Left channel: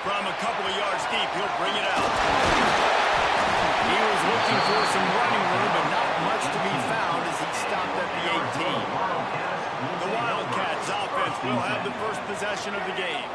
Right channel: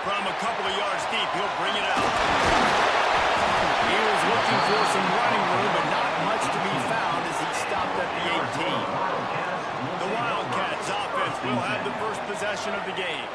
From a couple of yards deep, he'll bring it out. He was looking for some running room, but not much to be found as he stopped at the 18. The Wildcats offense will have the first possession of the game.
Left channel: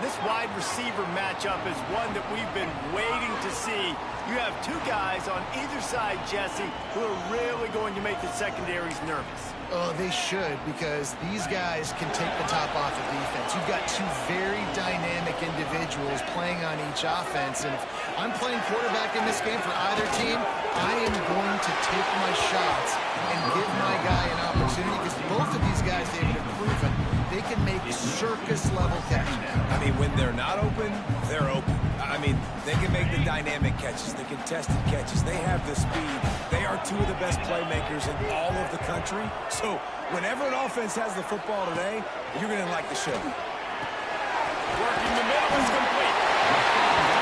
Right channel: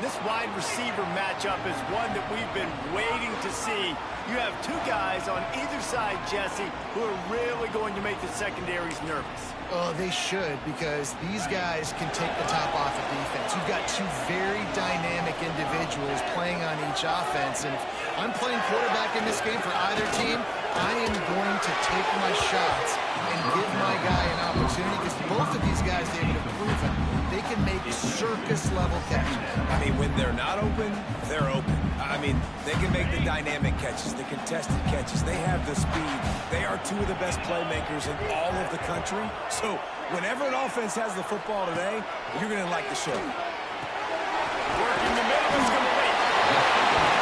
This wide receiver matchup is one that we've been waiting to see. You have two guys on either side, Jesse, who are really going to make the secondaries nervous. Oh, they should, because these guys can take the top off the defense. You've got two very dynamic individuals playing on each offense, and if I'm playing quarterback in this game for either team, I am going to take my shots and give my guy an opportunity, because both of these guys, David, have proven they can make circus-level catches. I mean, when they're not open, they're open. I mean, they can make the dynamic catches, the contested catches. They have the speed. They are two of the best playmakers in all of the country. So whenever an offense has the football today, you're going to like the show. Working the middle is complete.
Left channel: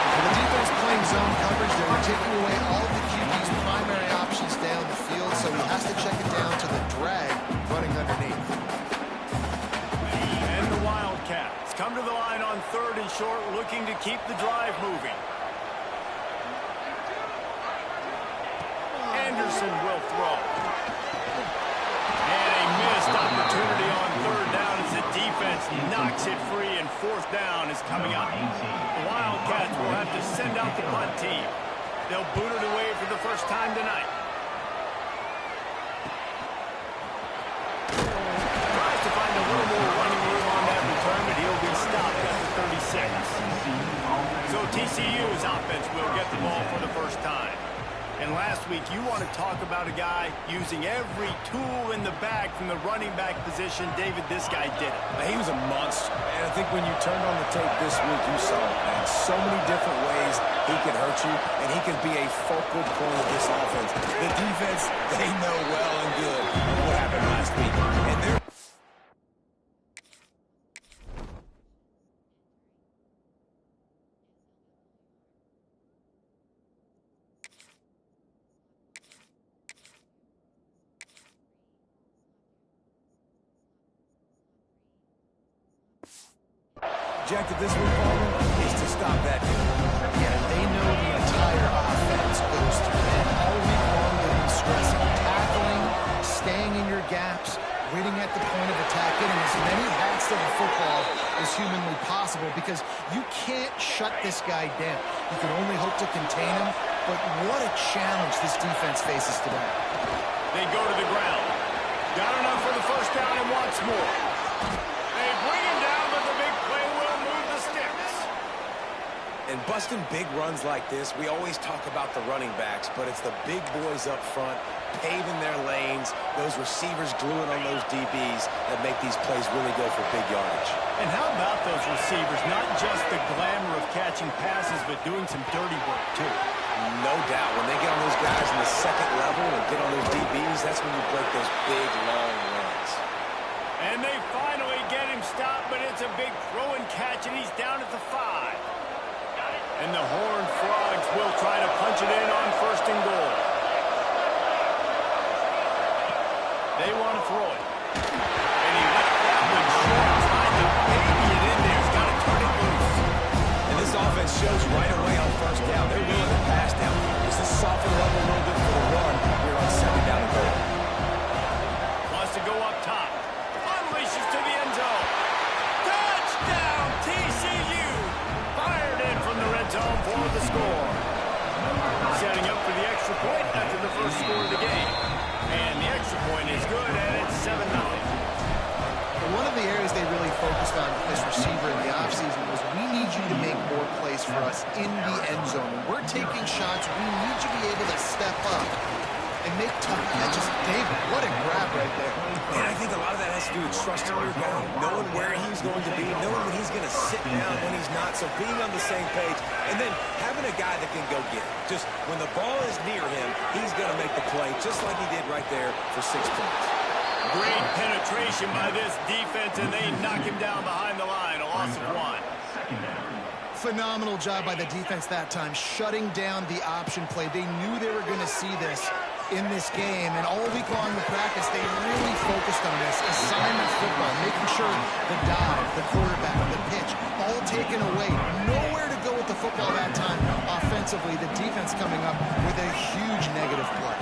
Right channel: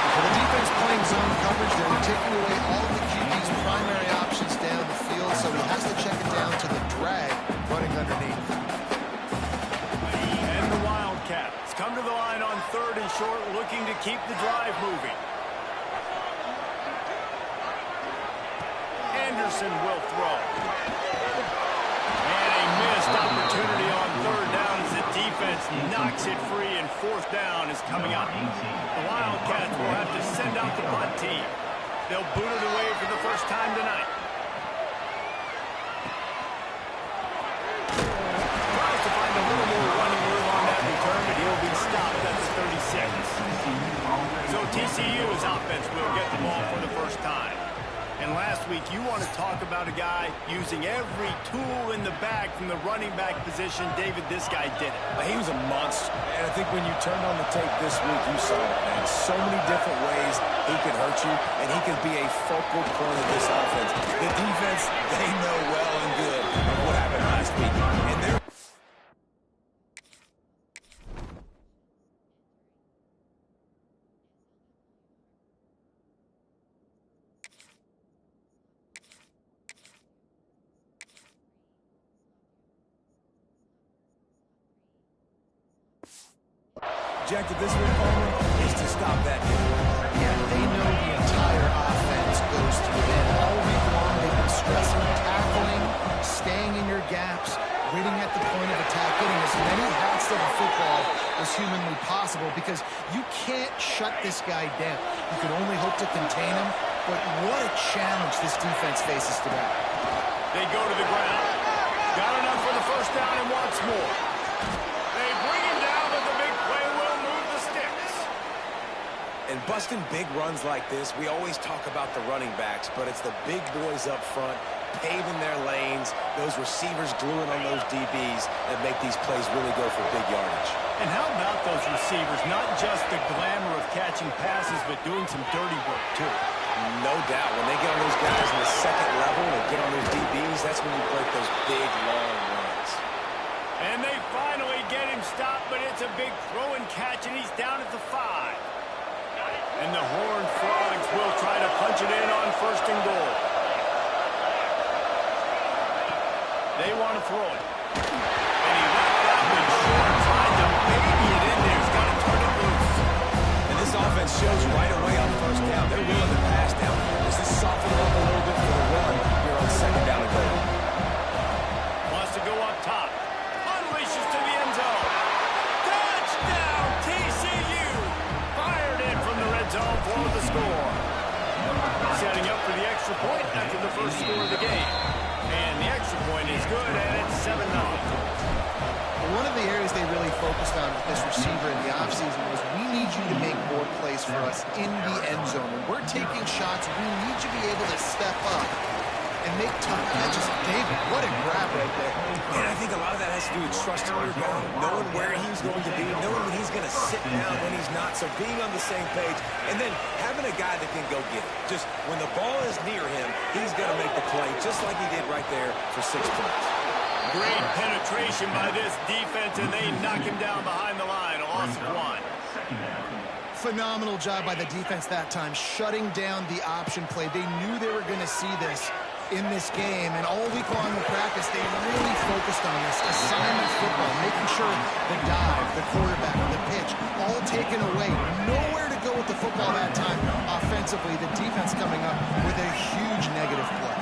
For the defense playing zone coverage, they're taking away all of the QB's primary options down the field, so he has to check it down to the drag running underneath. And the Wildcats come to the line on 3rd and short, looking to keep the drive moving. Anderson will throw. And a missed opportunity on 3rd down as the defense knocks it free, and 4th down is coming up. The Wildcats will have to send out the punt team. They'll boot it away for the first time tonight. Tries to find a little more running room on that return, but he'll be stopped at the 36. So TCU's offense will get the ball for the first time. And last week, you want to talk about a guy using every tool in the bag from the running back position. David, this guy did it. He was a monster. And I think when you turned on the tape this week, you saw it, man. So many different ways he could hurt you, and he could be a focal point of this offense. The defense, they know well and good of what happened last week. And they're objective this week, Palmer, is to stop that dude. Yeah, they know the entire offense goes through him. All week long, they've been stressing tackling, staying in your gaps, waiting at the point of attack, getting as many hats to the football as humanly possible, because you can't shut this guy down. You can only hope to contain him, but what a challenge this defense faces today. They go to the ground. Got enough for the first down and wants more. They bring him down, but the big play will move the sticks. And busting big runs like this, we always talk about the running backs, but it's the big boys up front, paving their lanes, those receivers gluing on those DBs that make these plays really go for big yardage. And how about those receivers? Not just the glamour of catching passes, but doing some dirty work, too. No doubt. When they get on those guys in the second level and get on those DBs, that's when you break those big, long runs. And they finally get him stopped, but it's a big throw and catch, and he's down at the 5. And the Horned Frogs will try to punch it in on 1st and goal. They want to throw it. And he left that one short, trying to baby it in there. He's got to turn it loose. And this offense shows right away on 1st down. They're willing to pass down. Does this soften it up a little bit for the run here on 2nd down and goal? Wants to go up top. Unleashes to the end zone. Touchdown, TCU! Fired in from the red zone for the score. Setting up for the extra point after the first score of the game. And the extra point is good, and it's 7-0. One of the areas they really focused on with this receiver in the offseason was, we need you to make more plays for us in the end zone. When we're taking shots, we need you to be able to step up and make tough catches. David, what a grab right there. And I think a lot of that has to do with trusting your guy, knowing where he's going to be, knowing when he's going to sit down, when he's not, so being on the same page, and then having a guy that can go get it. Just when the ball is near him, he's going to make the play, just like he did right there for 6 points. Great penetration by this defense, and they knock him down behind the line, a loss of 1. Phenomenal job by the defense that time, shutting down the option play. They knew they were going to see this in this game, and all week long in practice, they really focused on this assignment football, making sure the dive, the quarterback, the pitch, all taken away. Nowhere with the football that time offensively. The defense coming up with a huge negative play.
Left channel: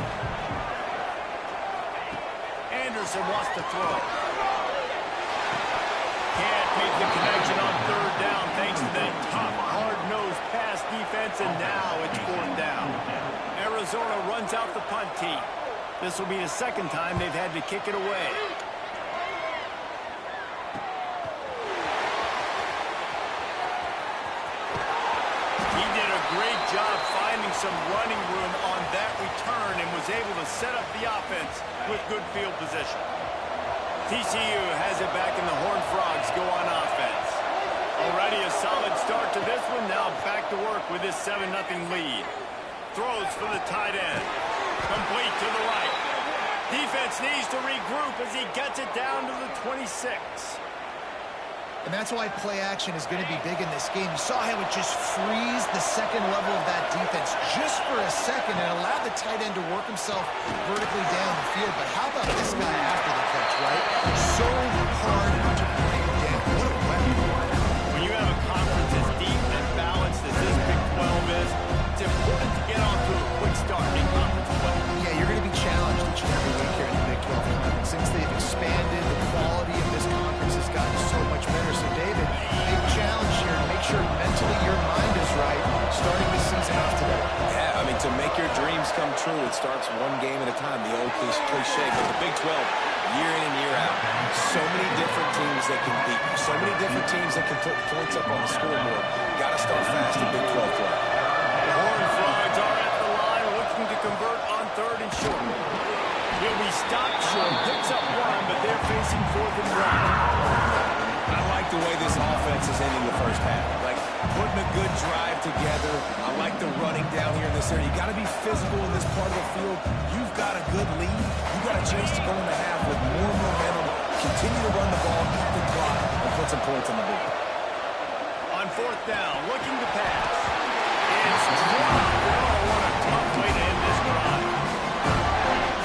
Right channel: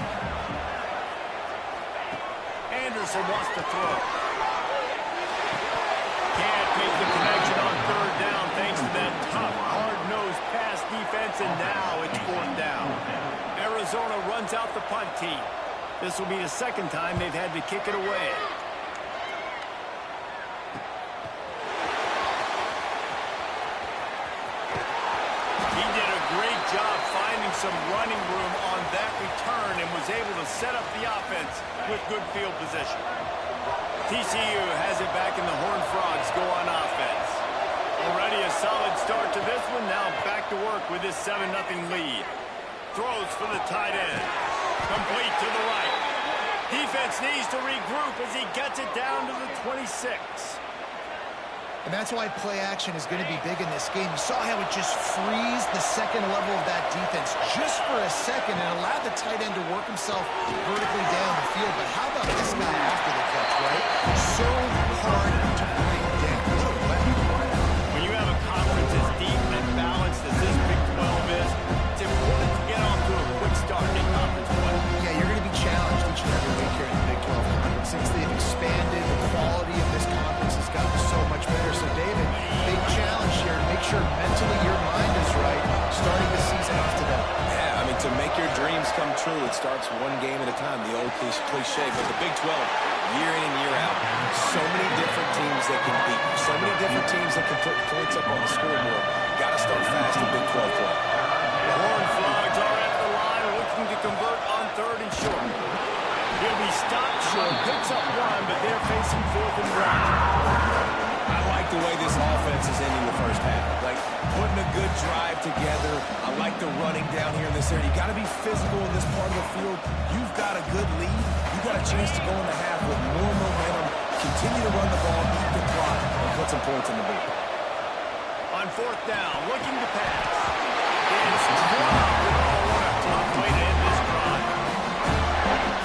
Anderson wants to throw. Can't make the connection on third down thanks to that tough, hard-nosed pass defense, and now it's fourth down. Arizona runs out the punt team. This will be the second time they've had to kick it away. He did a great job finding some running room on that return and was able to set up the offense with good field position. TCU has it back, and the Horned Frogs go on offense. Already a solid start to this one. Now back to work with this 7-0 lead. Throws for the tight end. Complete to the right. Defense needs to regroup as he gets it down to the 26. And that's why play action is going to be big in this game. You saw how it just frees the second level of that defense just for a second and allowed the tight end to work himself vertically down the field. But how about this guy after the catch, right? So hard to bring down. What a weapon. When you have a conference as deep and balanced as this Big 12 is, it's important to get off to a quick start in conference play. Yeah, you're going to be challenged each and every week here in the Big 12 Conference. Since they've expanded, the quality of this conference has gotten so much better. So, David, big challenge here to make sure mentally your mind is right starting the season off today. Yeah, I mean, to make your dreams come true, it starts one game at a time, the old cliche. But the Big 12, year in and year out, so many different teams that can beat you, so many different teams that can put points up on the scoreboard. Got to start fast in Big 12 play. The Horned Frogs are at the line looking to convert on third and short. He'll be stopped short, picks up one, but they're facing 4th and 1. I like the way this offense is ending the first half. Like, putting a good drive together. I like the running down here in this area. You got to be physical in this part of the field. You've got a good lead. You've got a chance to go in the half with more momentum, continue to run the ball, eat the clock, and put some points on the board. On 4th down, looking to pass. It's dropped. Oh, what a tough way to end this drive.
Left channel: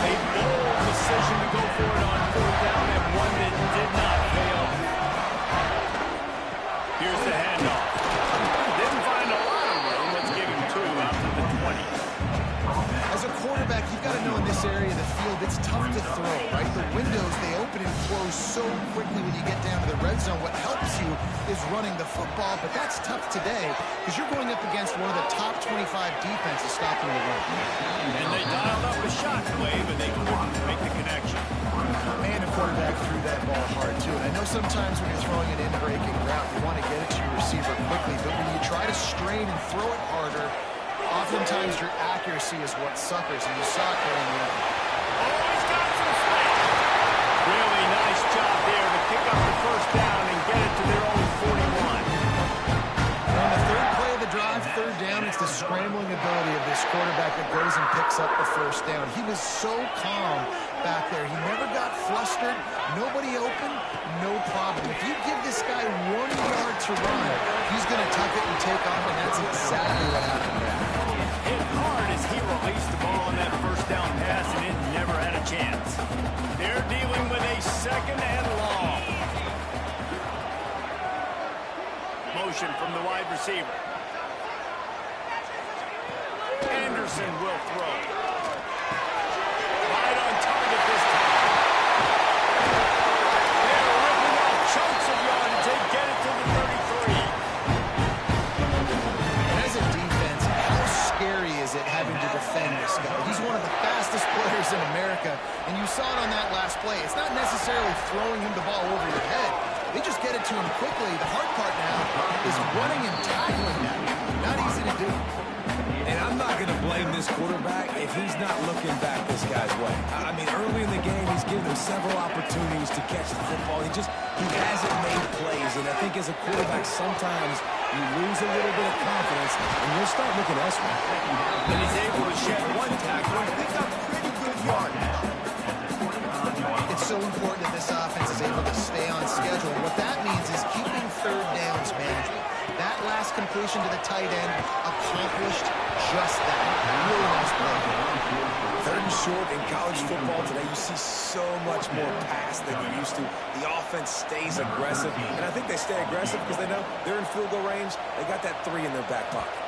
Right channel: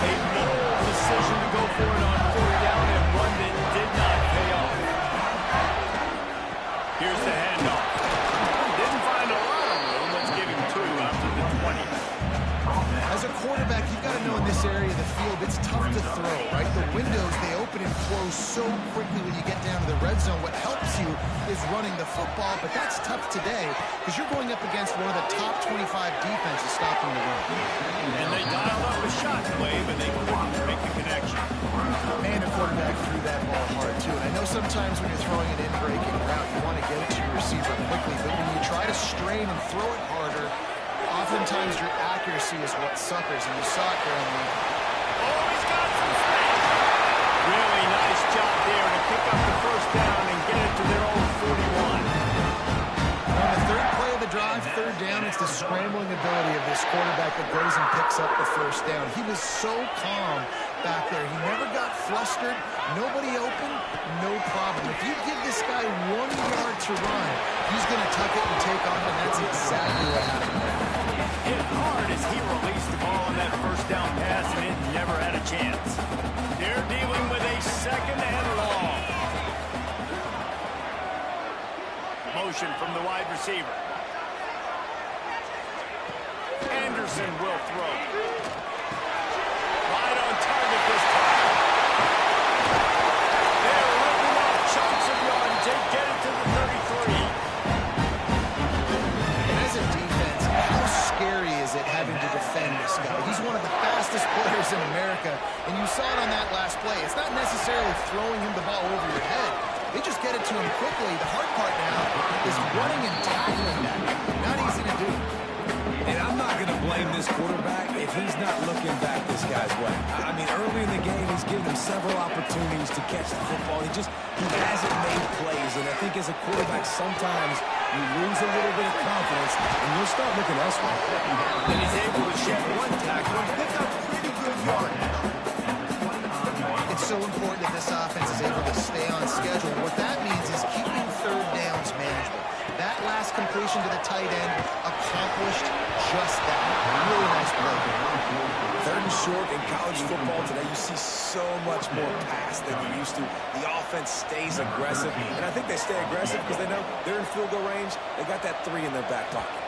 A bold decision to go for it on 4th down, and one that did not pay off. Here's the handoff. Didn't find a lot of room. Let's give him 2 out to the 20. As a quarterback, you've got to know in this area of the field, it's tough to throw, right? The windows, they open and close so quickly when you get down to the red zone. What helps you is running the football, but that's tough today because you're going up against one of the top 25 defenses stopping the run. And they dialed up a shot play, but they couldn't make the connection. Man, the quarterback threw that ball hard, too. And I know sometimes when you're throwing an in-breaking route, you want to get it to your receiver quickly, but when you try to strain and throw it harder, oftentimes your accuracy is what suffers, and you saw it there in the end. Oh, he's got some space. Really nice job there to pick up the first down and get it to their own 41. On the third play of the drive, third down, it's the scrambling ability of this quarterback that goes and picks up the first down. He was so calm back there. He never got flustered. Nobody open, no problem. If you give this guy 1 yard to run, he's going to tuck it and take off, and that's exactly what happened there. Hit hard as he released the ball on that first down pass, and it never had a chance. They're dealing with a 2nd and long. Motion from the wide receiver. Anderson will throw. Right on target this time. They're ripping off chunks of yardage. They get it to the 33. And as a defense, how scary is it having to defend this guy? He's one of the fastest players in America, and you saw it on that last play. It's not necessarily throwing him the ball over your head. They just get it to him quickly. The hard part now is running and tackling that guy. Not easy to do. And I'm not going to blame this quarterback if he's not looking back this guy's way. I mean, early in the game, he's given him several opportunities to catch the football. He hasn't made plays. And I think as a quarterback, sometimes you lose a little bit of confidence, and you'll start looking elsewhere. And he's able to shed one tackle and pick up pretty good yardage. It's so important that this offense is able to stay on schedule. What that means is keeping third downs manageable. That last completion to the tight end accomplished just that. Really nice play there. Third and short in college football today, you see so much more pass than you used to. The offense stays aggressive, and I think they stay aggressive because they know they're in field goal range. They got that 3 in their back pocket.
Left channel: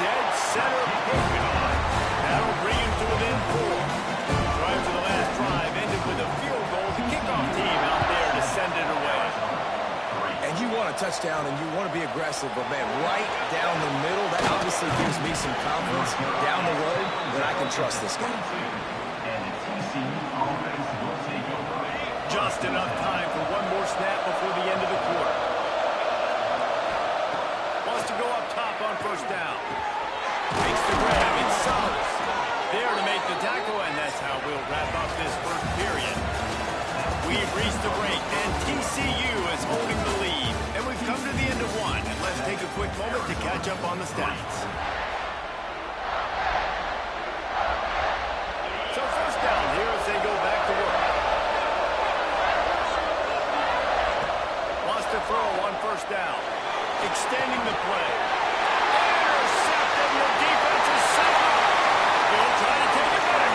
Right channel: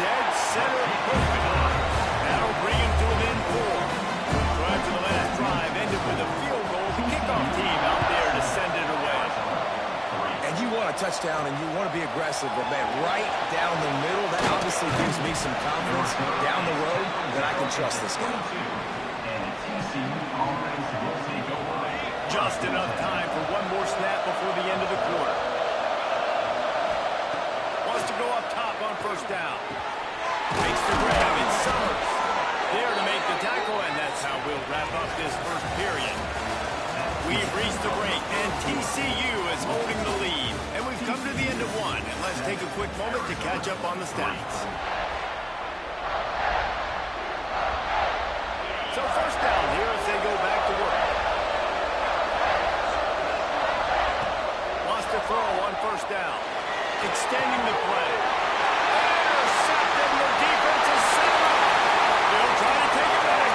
Dead center perfect. That'll bring him to within 4. So after the last drive ended with a field goal, the kickoff team out there to send it away. And you want a touchdown and you want to be aggressive, but man, right down the middle, that obviously gives me some confidence down the road that I can trust this guy. Just enough time for one more snap before the end of the quarter. Wants to go up top on first down. Makes the grab, and Summers there to make the tackle, and that's how we'll wrap up this first period. We've reached the break, and TCU is holding the lead. And we've come to the end of one, and let's take a quick moment to catch up on the stats. So first down here as they go back to work. Wants to throw on first down. Extending the play. Intercepted, and the defense is set him up. He'll try to take it back.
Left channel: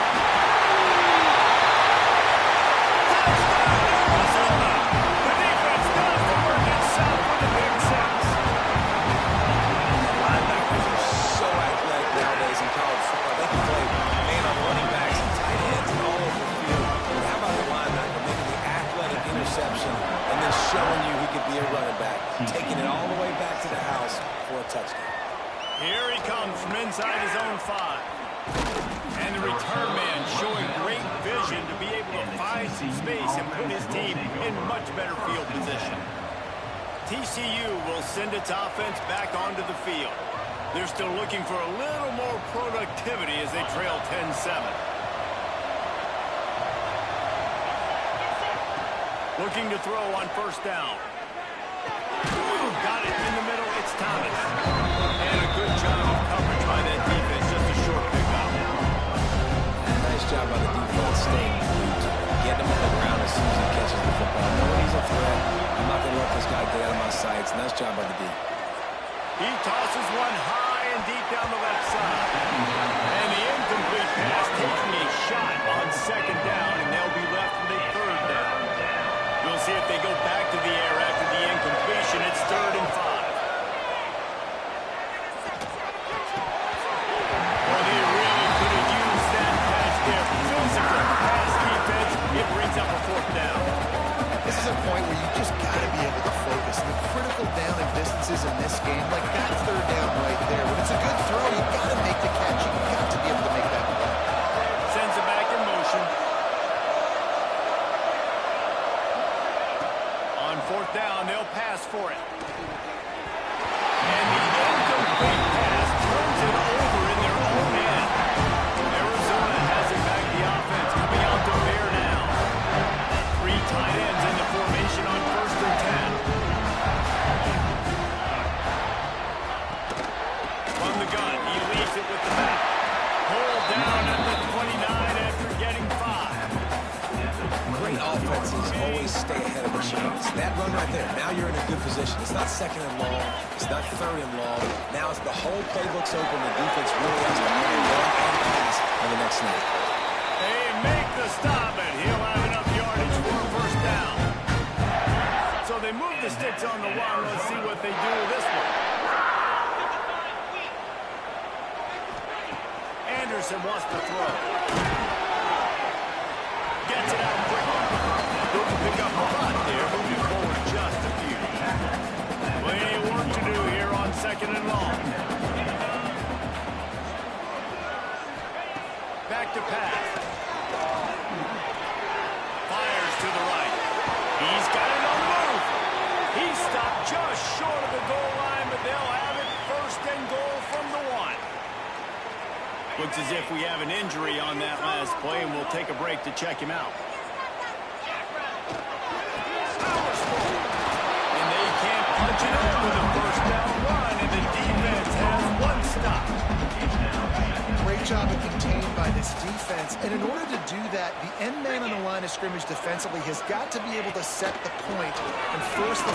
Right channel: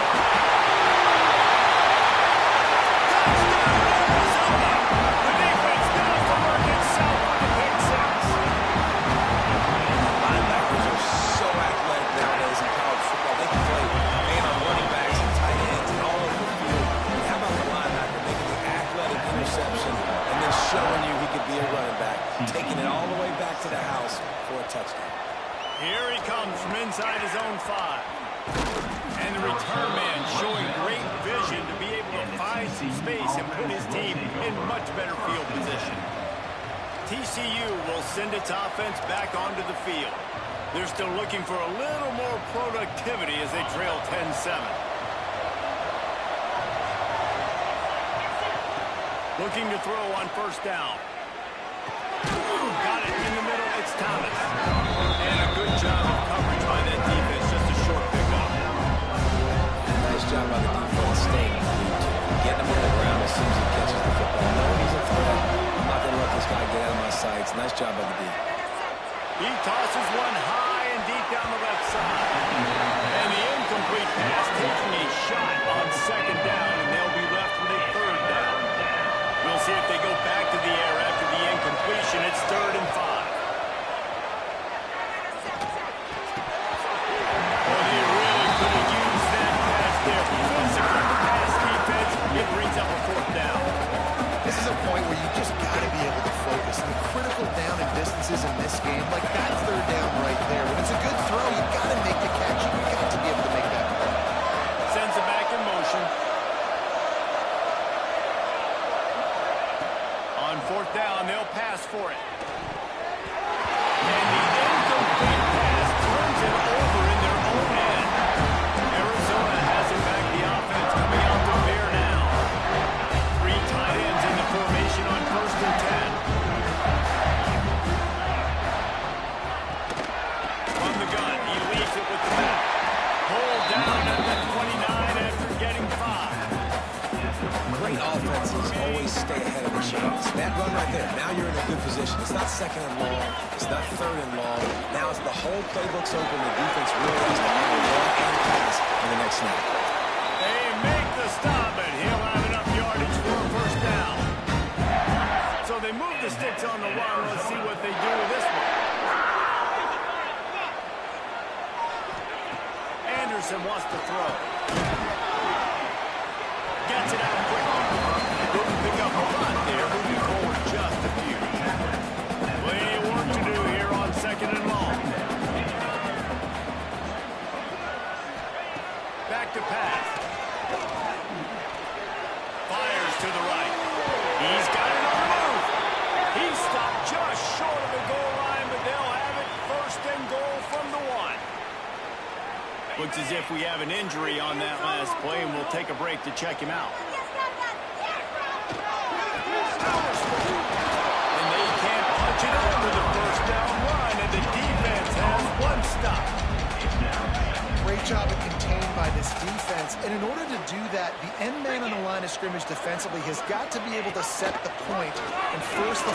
Touchdown, Arizona! The defense does the work itself with the pick 6. Linebackers are so athletic nowadays in college football. They can play man on running backs and tight ends and all over the field. And how about the linebacker making the athletic interception and then showing you he could be a running back, taking it all the way back to the house for a touchdown. Here he comes from inside his own 5. And the return man showing great vision to be able to find some space and put his team in much better field position. TCU will send its offense back onto the field. They're still looking for a little more productivity as they trail 10-7. Looking to throw on first down. Got it in the middle. It's Thomas. And a good job of coverage by that defense. Just a short pickup. Nice job by the defense staying glued to him, getting him on the ground as soon as he catches the football. Knowing he's a threat, I'm not going to let this guy get out of my sights. Nice job by the D. He tosses one high and deep down the left side. And the incomplete pass taking a shot on second down, and they'll be left with a third down. We'll see if they go back to the air after the incompletion. It's 3rd and 5. Well, they really could have used that pass there. Physical pass defense. It brings up a 4th down. This is a point where you just got to be able to focus. The critical down and distances in this game, like that 3rd down right there. When it's a good throw, you got to make the catch. You got to be able to make that play. Sends it back in motion. On 4th down, they'll pass for it. And the incomplete pass turns it over in their own end. Arizona has it back, the offense coming out to bear now. 3 tight ends in the formation on 1st and 10. From the gun, he leaves it with the back. Pulled down at the 29 after getting 5. Great offenses always stay ahead of the chains. That run right there, now you're in a good position. It's not 2nd and long. It's not 3rd and long. Now as the whole playbook's open, the defense really has to honor run and pass on the next snap. They make the stop, and he'll have enough yardage for a 1st down. So they move the sticks on the run. Let's see what they do with this one. Anderson wants to throw. Gets it out quickly. Couldn't pick up a lot there, moving forward just a few. Plenty of work to do here on 2nd and long. Back to pass. Fires to the right. He's got it on the move. He stopped just short of the goal line, but they'll have it 1st and goal from the 1. Looks as if we have an injury on that last play, and we'll take a break to check him out. And they can't punch it up with a 1st down run, and the defense has 1 stop. Great job of contained by this defense. And in order to do that, the end man on the line of scrimmage defensively has got to be able to set the point and force the...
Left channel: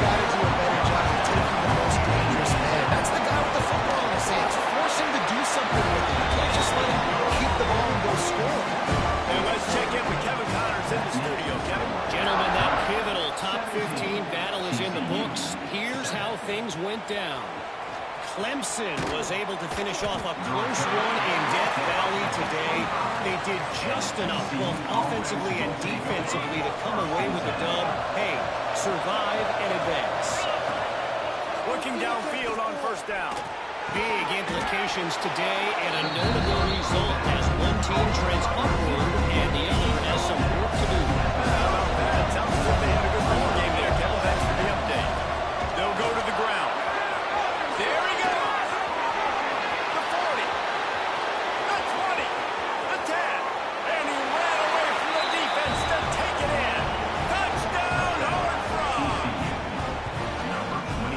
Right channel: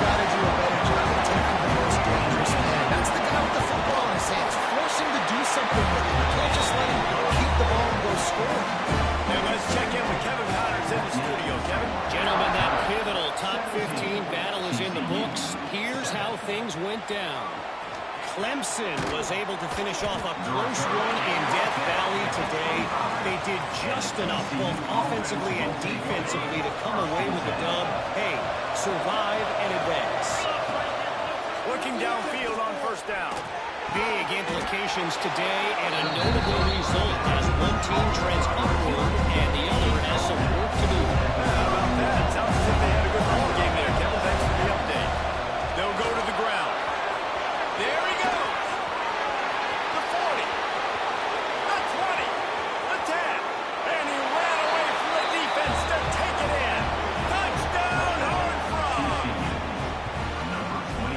got to do a better job of taking the most dangerous man. That's the guy with the football in his hands. Force him to do something with it. You can't just let him keep the ball and go score. And let's check in with Kevin Connors in the studio. Kevin? Gentlemen, that pivotal top 15 battle is in the books. Here's how things went down. Clemson was able to finish off a close one in Death Valley today. They did just enough, both offensively and defensively, to come away with the dub. Hey, survive and advance. Looking downfield on first down. Big implications today and a notable result as one team trends upward and the other has some work to do. How about that? Sounds as if they had a good ball game there, Kevin. Thanks for the update. They'll go to the ground. There he goes. The 40. The 20. The 10. And he ran away from the defense to take it in. Touchdown, Horned Frog.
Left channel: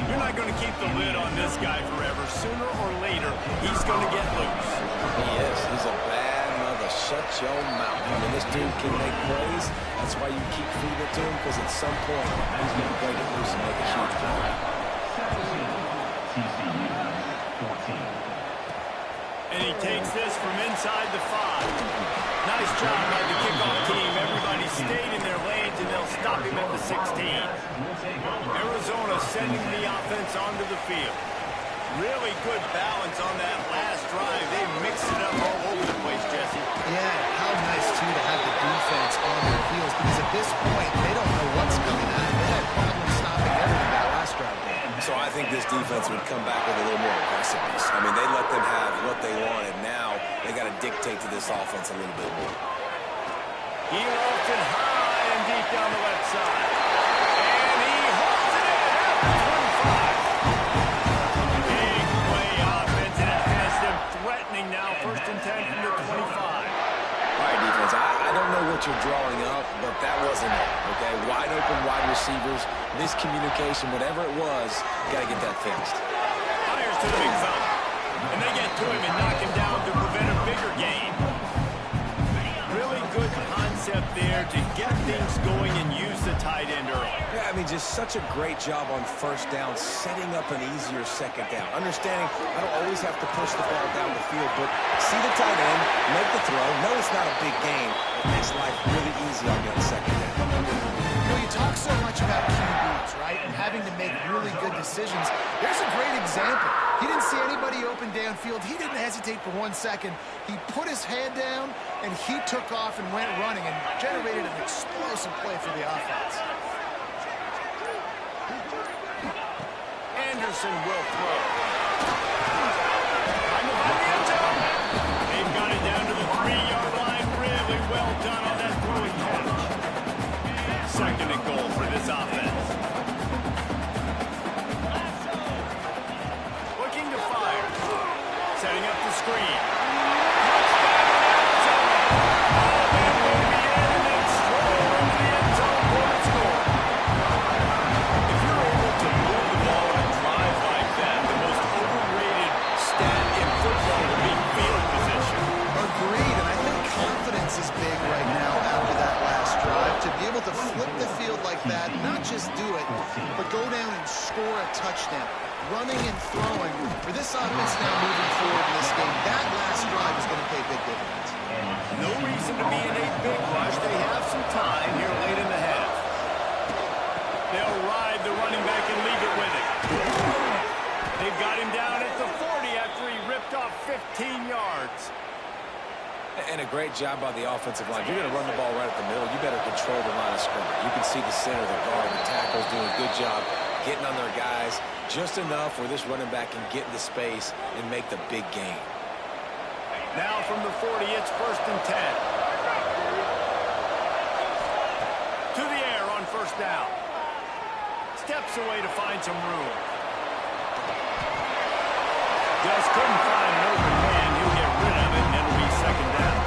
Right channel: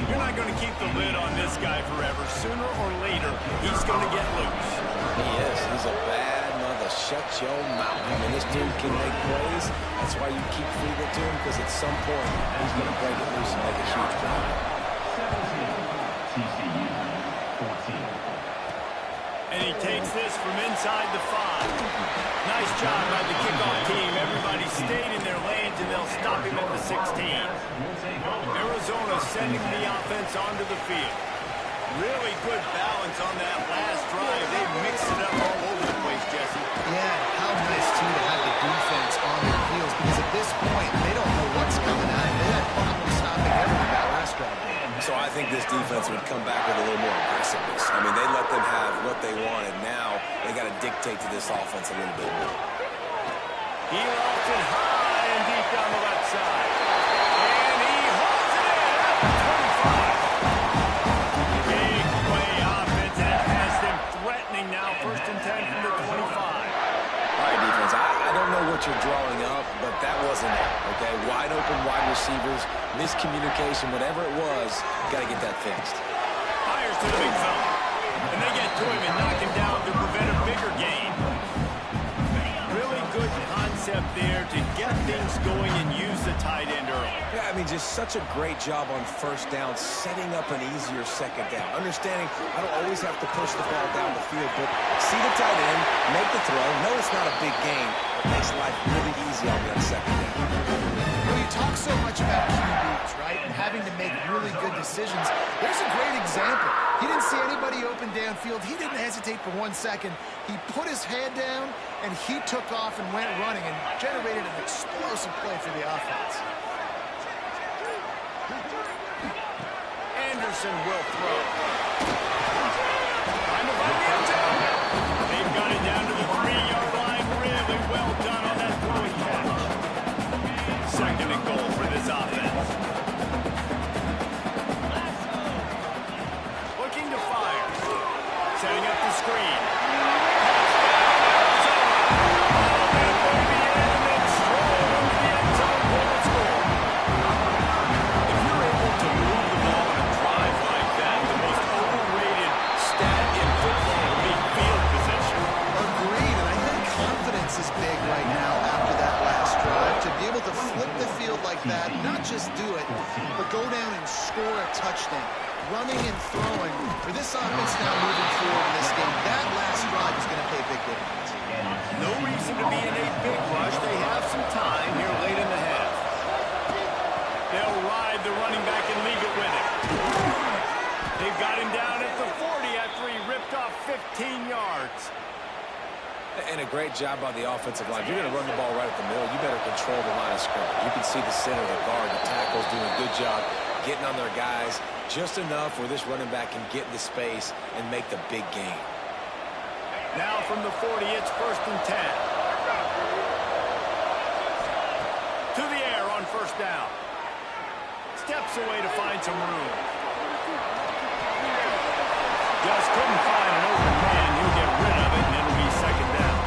You're not going to keep the lid on this guy forever. Sooner or later, he's going to get loose. He is. He's a bad mother. Shut your mouth. I mean, this dude can make plays. That's why you keep feeding it to him, because at some point, he's going to break it loose and make a huge play. TCU 14. And he takes this from inside the 5. Nice job by the kickoff team. Everybody stayed in their lanes, and they'll stop him at the 16. Arizona sending the offense onto the field. Really good balance on that last drive. They mixed it up all over the place, Jesse. Yeah, how nice, too, to have the defense on their heels, because at this point, they don't know what's coming at them. They had problems stopping everything that last drive. So I think this defense would come back with a little more aggressiveness. I mean, they let them have what they wanted. Now they got to dictate to this offense a little bit more. He lofts it high and deep down the left side. And he holds it in at the 25. Big play offense, and it has them threatening now. 1st and 10 from the 25. All right, defense, I don't know what you're drawing up, but that wasn't it, okay? Wide open wide receivers, miscommunication, whatever it was, got to get that fixed. Fires to the big fella. And they get to him and knock him down to prevent a bigger gain. Really good concept there to get things going and use the tight end early. Yeah, I mean, just such a great job on first down, setting up an easier second down. Understanding I don't always have to push the ball down the field, but see the tight end, make the throw. No, it's not a big gain. It makes life really easy on me on second down. You know, you talk so much about QBs, right, and having to make really good decisions. There's a great example. He didn't see anybody open downfield. He didn't hesitate for 1 second. He put his head down, and he took off and went running and generated an explosive play for the offense. Anderson will throw. Trying to find the end zone. They've got it down to the 3-yard line. Really well done on that throw and catch. 2nd and goal for this offense. Looking to fire. Setting up the screen. Touchdown, Arizona. All that baby in and then stroll into the end zone for the score. If you're able to move the ball in a drive like that, the most overrated stat in football would be field position. Agreed, and I think confidence is big right now after that last drive. To be able to flip the field like that, not just do it, but go down and score a touchdown. Running and throwing for this offense now moving forward in this game. That last drive is going to pay big dividends. No reason to be in a big rush. They have some time here late in the half. They'll ride the running back and leave it with him. They've got him down at the 40 after he ripped off 15 yards. And a great job by the offensive line. If you're going to run the ball right at the middle, you better control the line of scrimmage. You can see the center, the guard, the tackles doing a good job getting on their guys just enough where this running back can get into space and make the big gain. Now from the 40, it's 1st and 10. To the air on first down. Steps away to find some room. Just couldn't find an open man. He'll get rid of it, and it'll be 2nd down.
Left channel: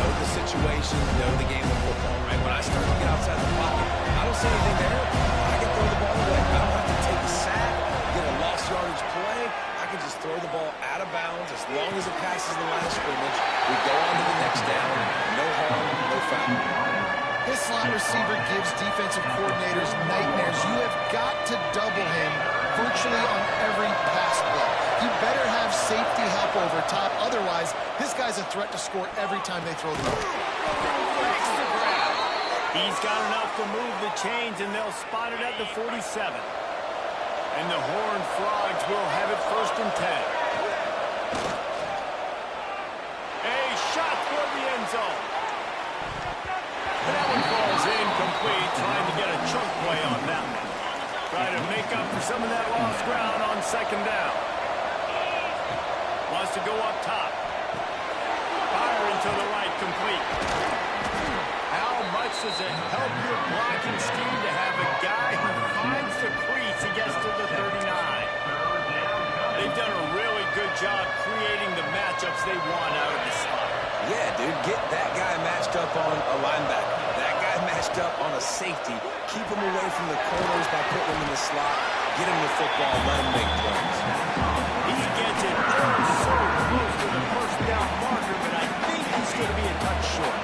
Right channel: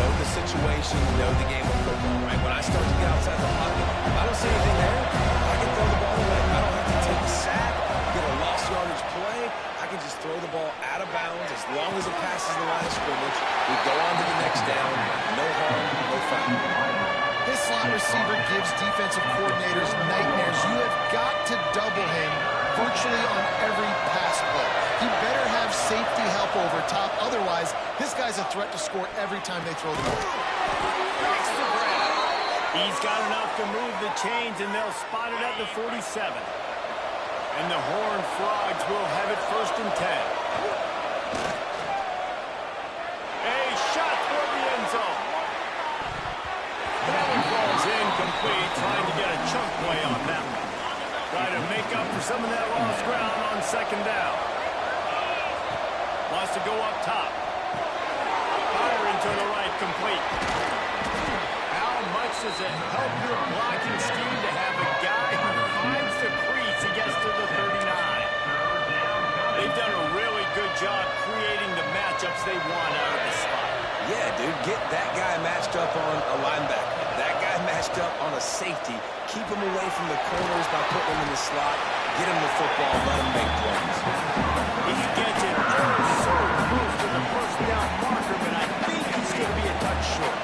Know the situation, know the game of football, right? When I start to get outside the pocket, I don't see anything there, I can throw the ball away. I don't have to take a sack, get a lost yardage play. I can just throw the ball out of bounds as long as it passes the line of scrimmage. We go on to the next down. No harm, no foul. This slot receiver gives defensive coordinators nightmares. You have got to double him virtually on every pass play. He better have safety help over top. Otherwise, this guy's a threat to score every time they throw the ball. Extra grab. He's got enough to move the chains, and they'll spot it at the 47. And the Horned Frogs will have it 1st and 10. A shot toward the end zone. But that one falls incomplete, trying to get a chunk play on that one. Trying to make up for some of that lost ground on 2nd down. Wants to go up top. Firing to the right, complete. How much does it help your blocking scheme to have a guy who finds the crease and gets to the 39? They've done a really good job creating the matchups they want out of the spot. Yeah, dude, get that guy matched up on a linebacker. That guy matched up on a safety. Keep him away from the corners by putting him in the slot. Get him the football, let him make plays. He gets it so close to the 1st down marker, but I think he's going to be a touch short.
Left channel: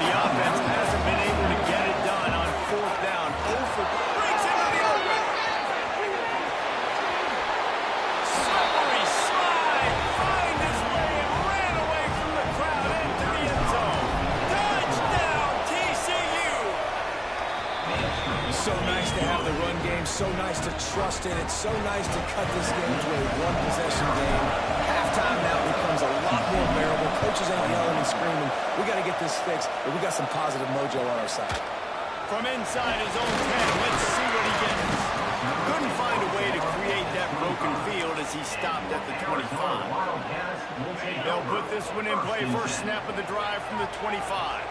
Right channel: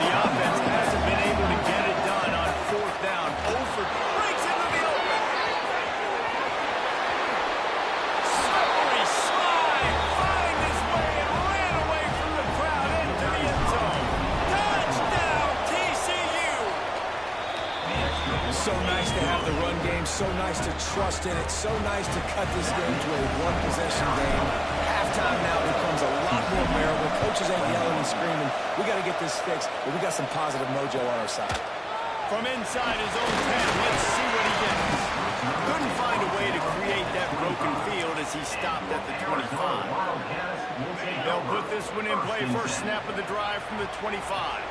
The offense hasn't been able to get it done on 4th down. Over breaks into the open. Slippery slide, find his way and ran away from the crowd into the end zone. Touchdown, TCU! So nice to have the run game, so nice to trust in it, so nice to cut this game to a one-possession game. Halftime now becomes a lot more bearable. Coaches ain't yelling and screaming. We got to get this fixed, but we got some positive mojo on our side. From inside his own 10, let's see what he gets. Couldn't find a way to create that broken field as he stopped at the 25. They'll put this one in play, 1st snap of the drive from the 25.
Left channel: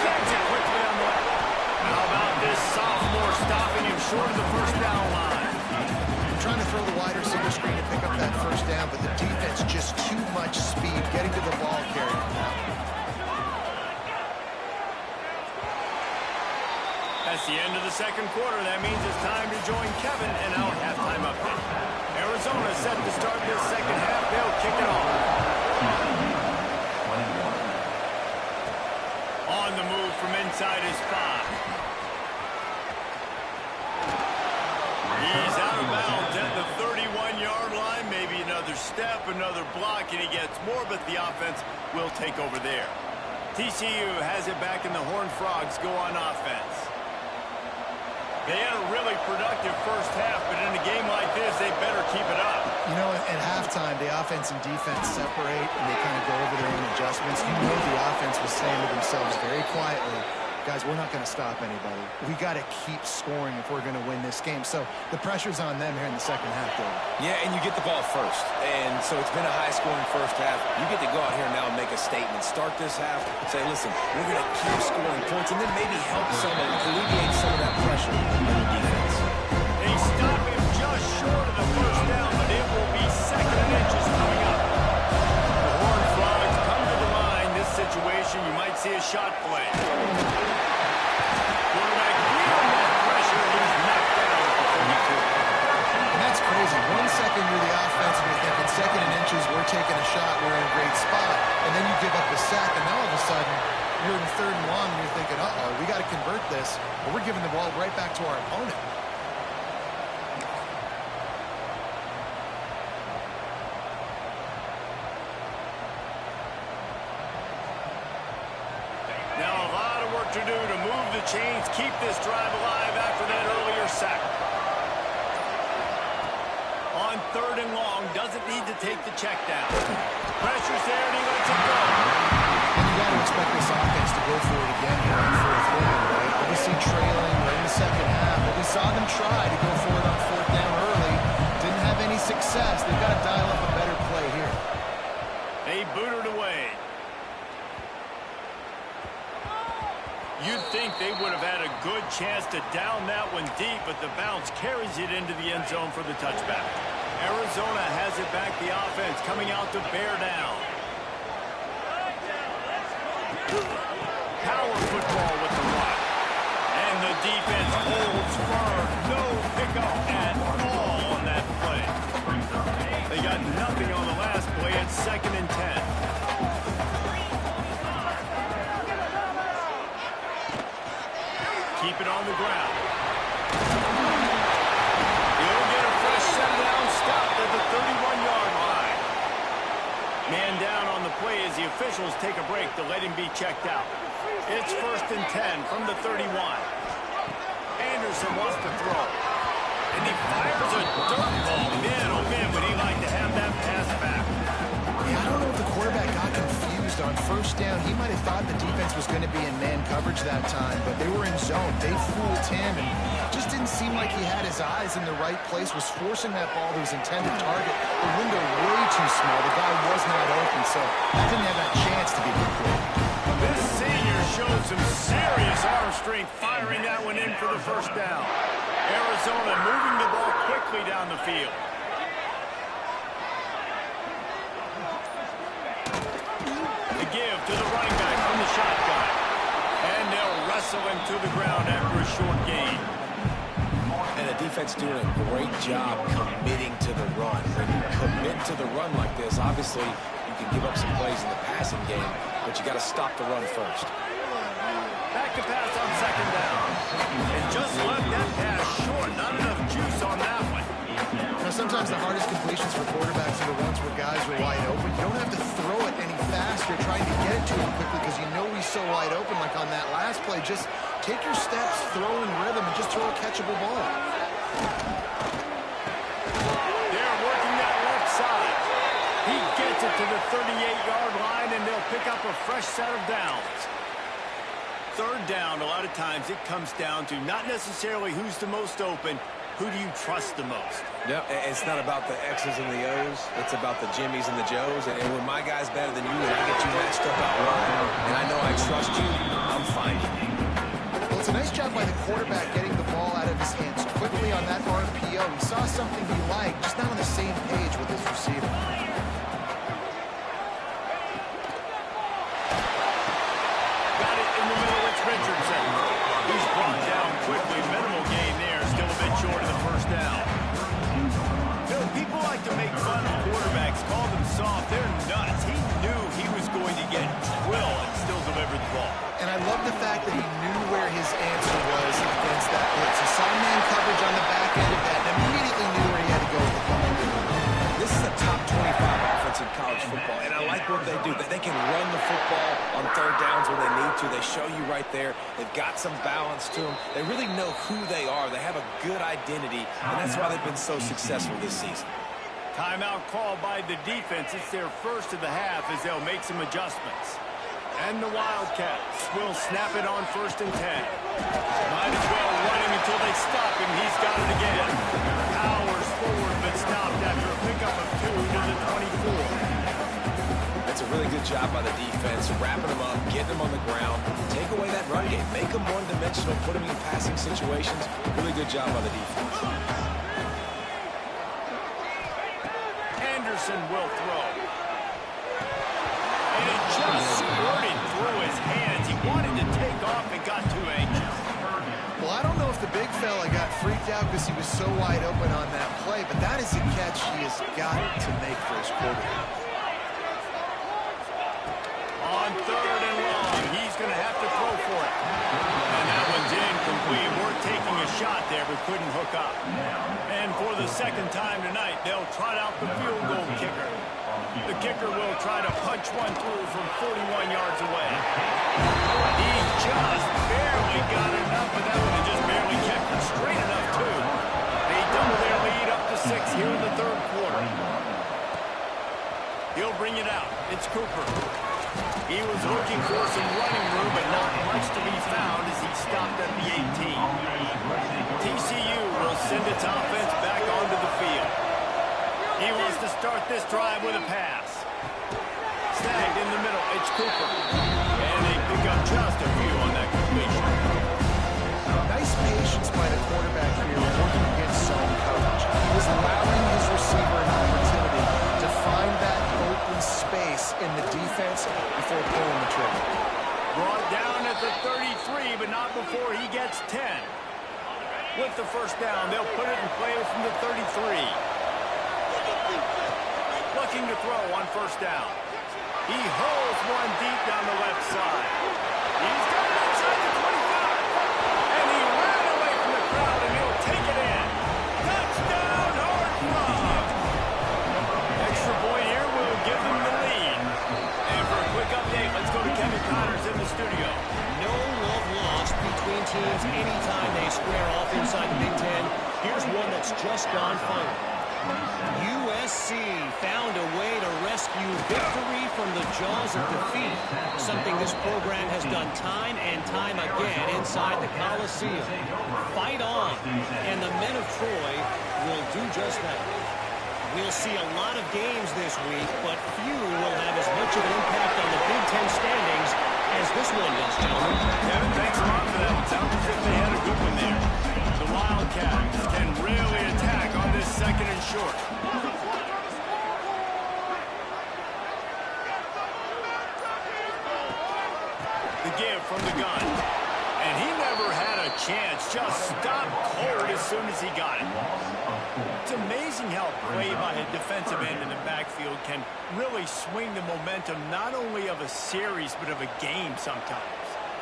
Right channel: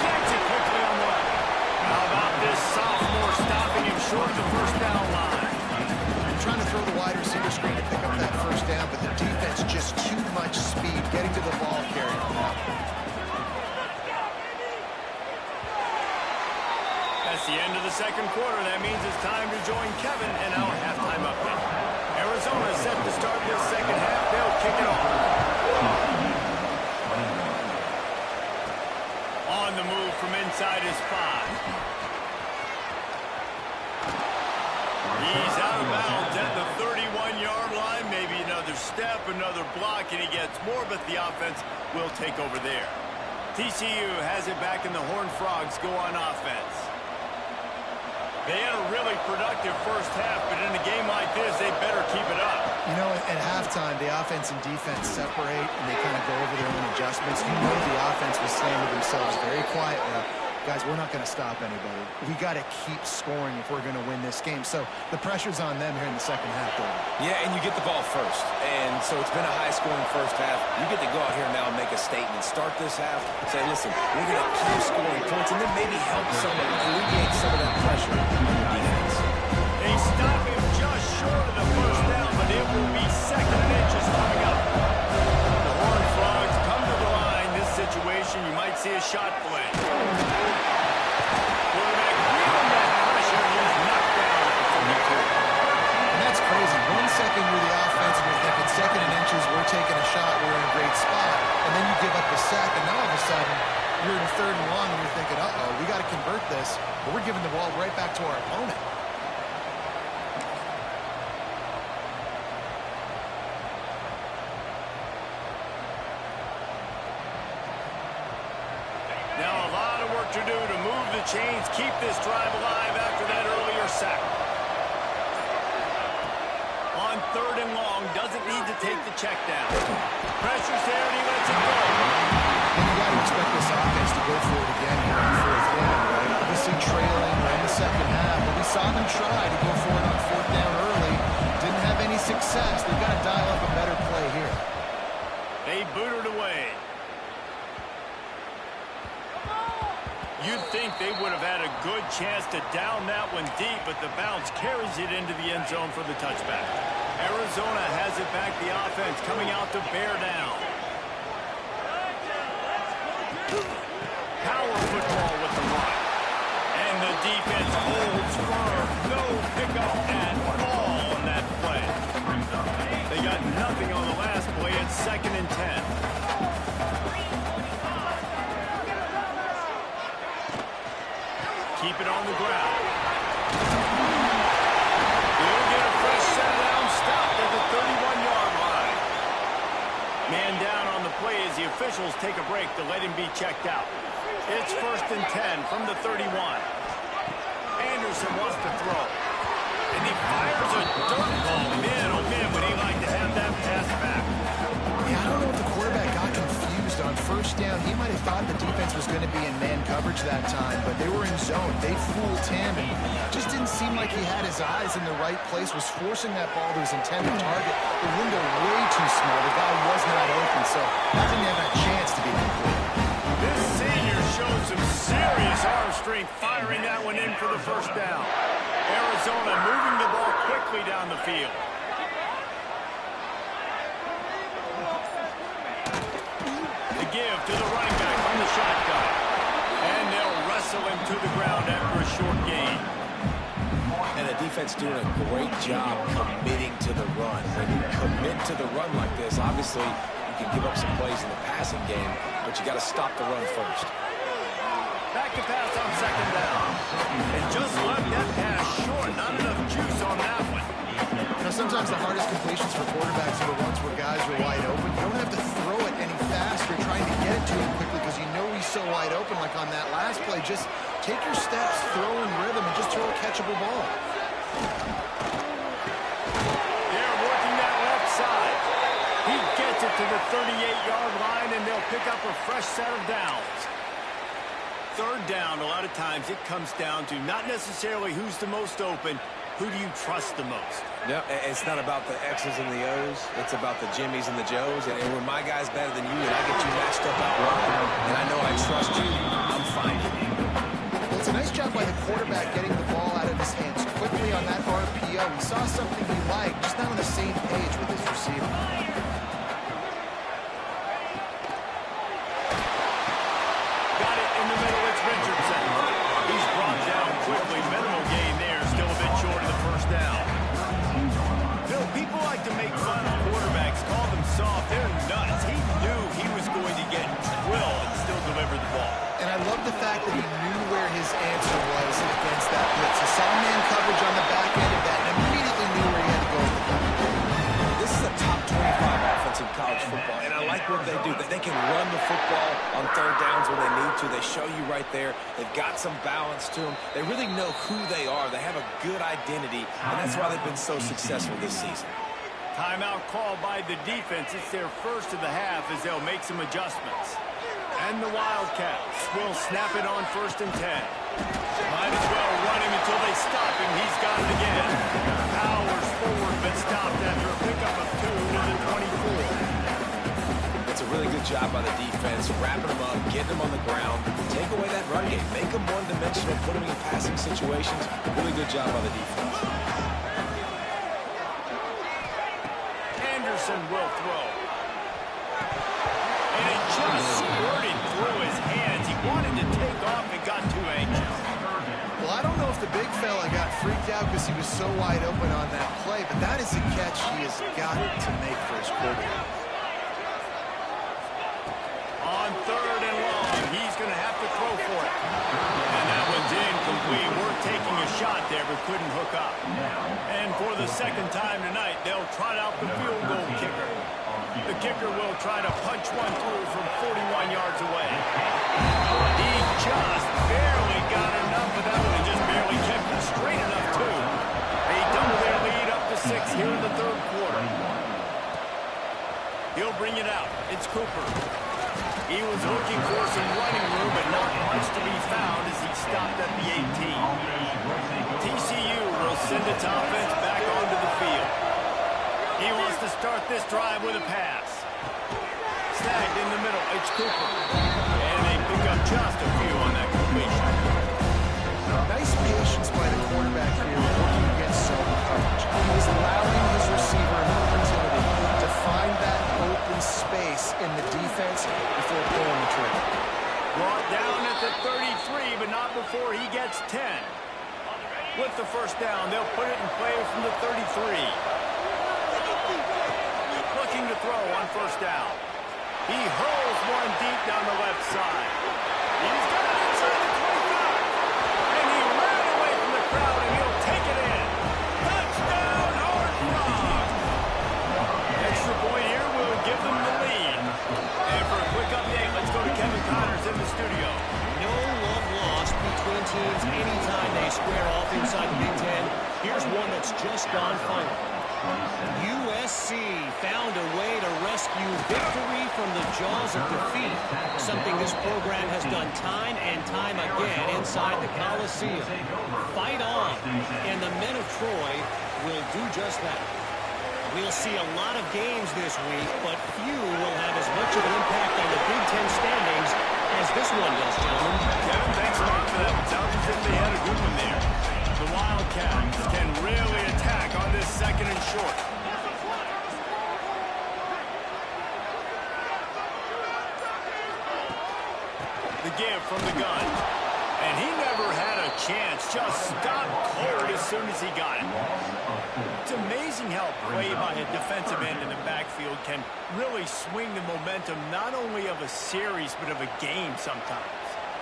Snags it quickly on the left. How about this sophomore stopping him short of the 1st down line? Trying to throw the wide receiver screen to pick up that 1st down, but the defense just too much speed getting to the ball carrier on that one. That's the end of the 2nd quarter. That means it's time to join Kevin in our halftime update. Arizona set to start this 2nd half. They'll kick it off. On the move from inside his 5. He's out of bounds at the 31-yard line. Maybe another step, another block, and he gets more, but the offense will take over there. TCU has it back, and the Horned Frogs go on offense. They had a really productive 1st half, but in a game like this, they better keep it up. You know, at halftime, the offense and defense separate, and they kind of go over their own adjustments. You know the offense was saying to themselves very quietly, guys, we're not going to stop anybody. We got to keep scoring if we're going to win this game. So the pressure's on them here in the 2nd half, though. Yeah, and you get the ball first. And so it's been a high-scoring 1st half. You get to go out here now and make a statement. Start this half, say, listen, we're going to keep scoring points, and then maybe help alleviate some of that pressure on your defense. They stop him just short of the 1st down, but it will be 2nd and inches coming up. The Horned Frogs come to the line. This situation, you might see a shot play. Quarterback feeling that pressure, and he's knocked down at the 42. And that's crazy. 1 second you're the offense, and you're thinking 2nd and inches, we're taking a shot, we're in a great spot, and then you give up a sack, and now all of a sudden you're in 3rd and long, and you're thinking, uh-oh, we got to convert this, but we're giving the ball right back to our opponent. Now a lot of work to do to move the chains, keep this drive alive after that earlier sack. On 3rd and long, doesn't need to take the check down. Pressure's there, and he lets it go. And you got to expect this offense to go for it again here on 4th down, right? Obviously trailing, we're in the 2nd half, but we saw them try to go for it on 4th down early. Didn't have any success. They've got to dial up a better play here. They boot it away. You'd think they would have had a good chance to down that one deep, but the bounce carries it into the end zone for the touchback. Arizona has it back, the offense coming out to bear down. Power football with the run. And the defense holds firm. No pickup at all on that play. They got nothing on the last play. It's 2nd and 10. Keep it on the ground. He'll get a fresh set down, stopped at the 31-yard line. Man down on the play as the officials take a break to let him be checked out. It's 1st and 10 from the 31. Anderson wants to throw. And he fires a dirt ball. Man, oh man, would he like to have that pass back. Yeah, I don't know if the quarterback got confused on 1st down. He might have thought the defense was going to be in man coverage that time, but they were in zone. They fooled him, and just didn't seem like he had his eyes in the right place, was forcing that ball to his intended target. The window way too small. The guy was not open, so that didn't have that chance to be complete. This senior showed some serious arm strength firing that one in for the 1st down. Arizona moving the ball quickly down the field. The give to the running back from the shotgun. And they'll wrestle him to the ground after a short gain. And the defense doing a great job committing to the run. When you commit to the run like this, obviously you can give up some plays in the passing game, but you got to stop the run first. Back to pass on 2nd down. And just left that pass short. Not enough juice on that one. You know, sometimes the hardest completions for quarterbacks are the ones where guys are wide open. You don't have to throw it any faster trying to get it to him quickly because you know he's so wide open like on that last play. Just take your steps, throw in rhythm, and just throw a catchable ball. They're working that left side. He gets it to the 38-yard line, and they'll pick up a fresh set of downs. 3rd down, a lot of times it comes down to not necessarily who's the most open, who do you trust the most? No, it's not about the X's and the O's. It's about the Jimmies and the Joes. And when my guy's better than you and I get you matched up out wide, and I know I trust you, I'm finding you. Well, it's a nice job by the quarterback getting the ball out of his hands quickly on that RPO. He saw something he liked, just not on the same page with his receiver. Got it in the middle, it's Richardson. He's brought down quickly. Minimal gain there, still a bit short of the 1st down. Bill, people like to make fun of quarterbacks, call them soft. They're nuts. He knew he was going to get drilled and still deliver the ball. And I love the fact that he knew where his answer was against that blitz. He saw man coverage on the back end of that and immediately knew where he had to go with the ball. This is a top 25 offense in college football, and I like what they do. They can run the football on 3rd downs when they need to. They show you right there. They've got some balance to them. They really know who they are. They have a good identity, and that's why they've been so successful this season. Timeout called by the defense. It's their 1st of the half as they'll make some adjustments. And the Wildcats will snap it on 1st and 10. Might as well run him until they stop him. He's got it again. Powers forward, but stopped after a pickup of 2 to the 24. That's a really good job by the defense, wrapping them up, getting them on the ground. Take away that run game. Make them one-dimensional, put them in passing situations. Really good job by the defense. Anderson will throw. And it just squirted through his hands. He wanted to take off and got too anxious. Well, I don't know if the big fella got freaked out because he was so wide open on that play, but that is a catch he has got to make for his quarterback. On 3rd and long, he's going to have to throw for it. And that one's incomplete. We're taking a shot there, but couldn't hook up. And for the 2nd time tonight, they'll trot out the field goal kicker. The kicker will try to punch one through from 41 yards away. He just barely got enough of that one and just barely kept it straight enough, too. They double their lead up to 6 here in the 3rd quarter. He'll bring it out. It's Cooper. He was looking for some running room, but not much to be found as he stopped at the 18. TCU will send its offense back onto the field. He wants to start this drive with a pass. Snagged in the middle, it's Cooper. And they pick up just a few on that completion. Nice patience by the quarterback here working against zone coverage. He was allowing his receiver an opportunity to find that open space in the defense before pulling the trigger. Brought down at the 33, but not before he gets 10. With the 1st down, they'll put it in play from the 33. looking to throw on first down. He hurls one deep down the left side. He's got it inside the 25. And he ran away from the crowd, and he'll take it in. Touchdown, Horned Frog. Extra point here will give them the lead. And for a quick update, let's go to Kevin Connors in the studio. No love lost between teams anytime they square off inside the Big Ten. Here's one that's just gone final. USC found a way to rescue victory from the jaws of defeat, something this program has done time and time again inside the Coliseum. Fight on, and the men of Troy will do just that. We'll see a lot of games this week, but few will have as much of an impact on the Big Ten standings as this one does, gentlemen. Kevin, thanks a lot for that. It sounds as if they had a good one there. The Wildcats can really attack on this second and short. The give from the gun. And he never had a chance. Just stopped cold as soon as he got it. It's amazing how play by a defensive end in the backfield can really swing the momentum not only of a series but of a game sometimes.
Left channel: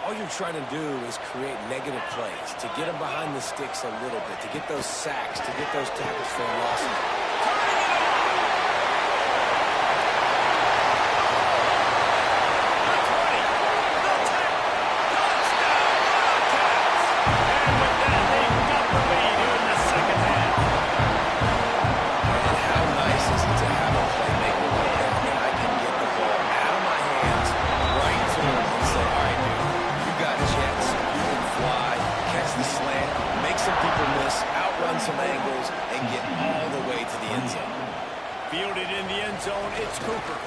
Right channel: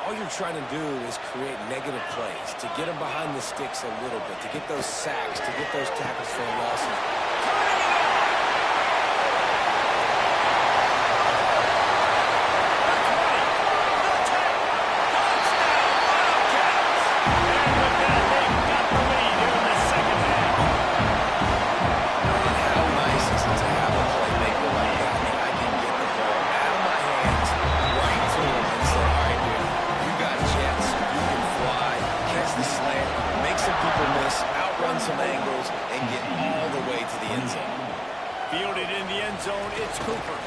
All you're trying to do is create negative plays, to get them behind the sticks a little bit, to get those sacks, to get those tackles for losses. Turning it on! The 20, the 10, touchdown Wildcats! And with that, they've got the lead here in the second half. And how nice is it to have a playmaker like that? I can get the ball out of my hands right to him and say, all right, dude, you got jets, you can fly, catch the slant, make some people miss, outrun some angles, and get all the way to the end zone. Fielded in the end zone, it's Cooper.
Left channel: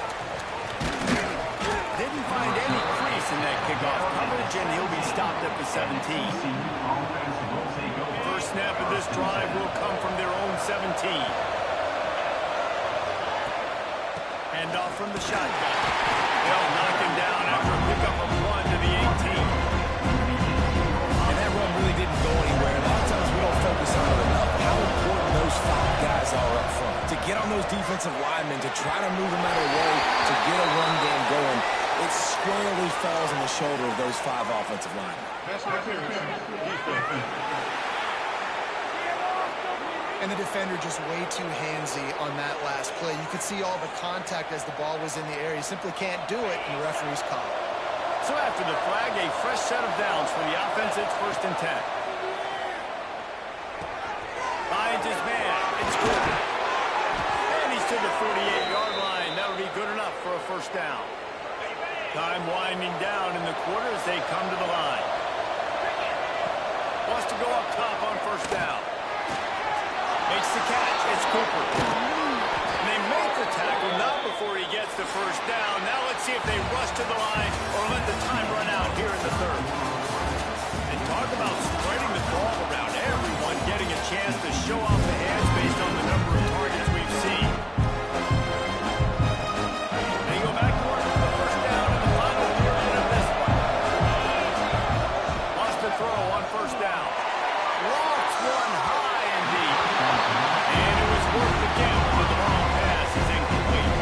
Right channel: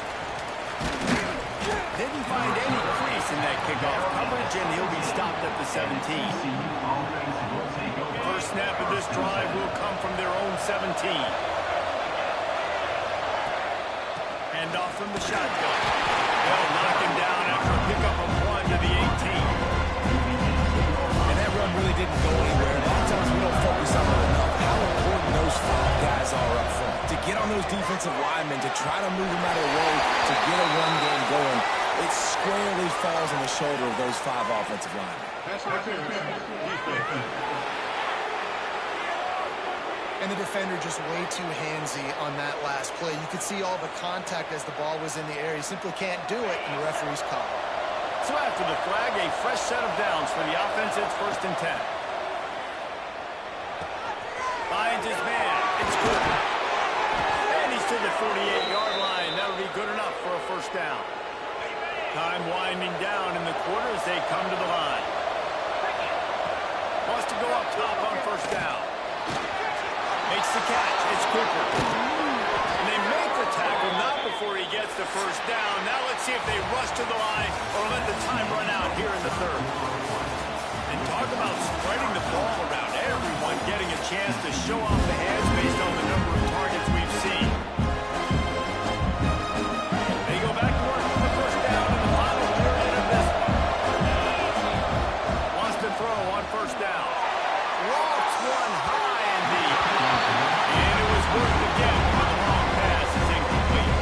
Didn't find any crease in that kickoff coverage, and he'll be stopped at the 17. First snap of this drive will come from their own 17. Hand off from the shotgun. They'll knock him down after a pickup of 1 to the 18. And that run really didn't go anywhere. A lot of times we don't focus on it enough. How important those 5 guys are up front. To get on those defensive linemen, to try to move them out of the way, to get a run game going, it squarely falls on the shoulder of those 5 offensive linemen. And the defender just way too handsy on that last play. You could see all the contact as the ball was in the air. He simply can't do it, and the referee's call. So after the flag, a fresh set of downs for the offense. It's 1st and 10. Finds his man. It's good. And he's to the 48-yard line. That'll be good enough for a first down. Time winding down in the quarter as they come to the line. Wants to go up top on first down. Makes the catch. It's Cooper. And they make the tackle, not before he gets the first down. Now let's see if they rush to the line or let the time run out here in the third. And talk about spreading the ball around. Everyone getting a chance to show off the hands based on the number of targets we've seen. They go back to work for the first down in the final period of this one. Wants to throw on first down. Lofts one high and deep. And it was worth the gamble, but the long pass is incomplete.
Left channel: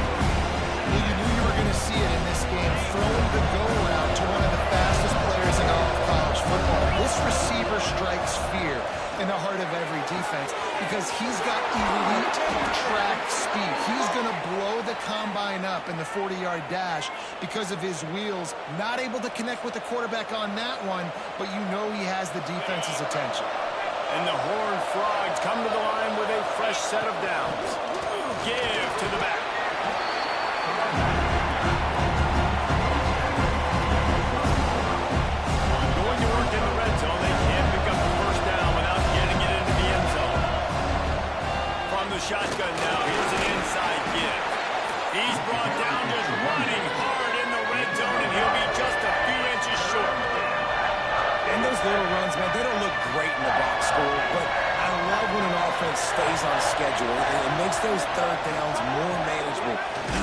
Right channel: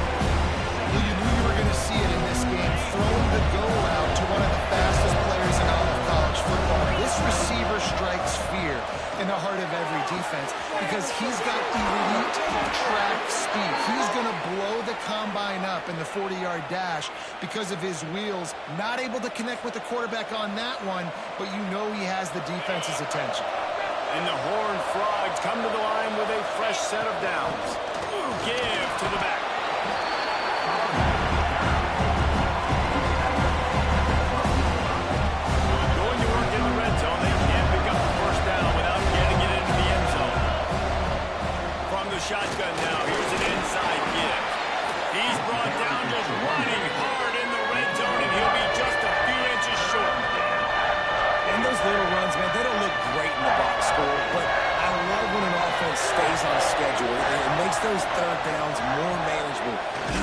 Well, you knew you were going to see it in this game, throwing the go route to one of the fastest players in all of college football. This receiver strikes fear in the heart of every defense because he's got elite track speed. He's going to blow the combine up in the 40-yard dash because of his wheels. Not able to connect with the quarterback on that one, but you know he has the defense's attention. And the Horned Frogs come to the line with a fresh set of downs. Give to the back. Going to work in the red zone. They can't pick up the first down without getting it into the end zone. From the shotgun now, here's an inside give. He's brought down just running hard in the red zone, and he'll be just a few inches short. And those little runs, man, they don't look great in the box score, but I love when an offense stays on schedule. It makes those third downs more manageable,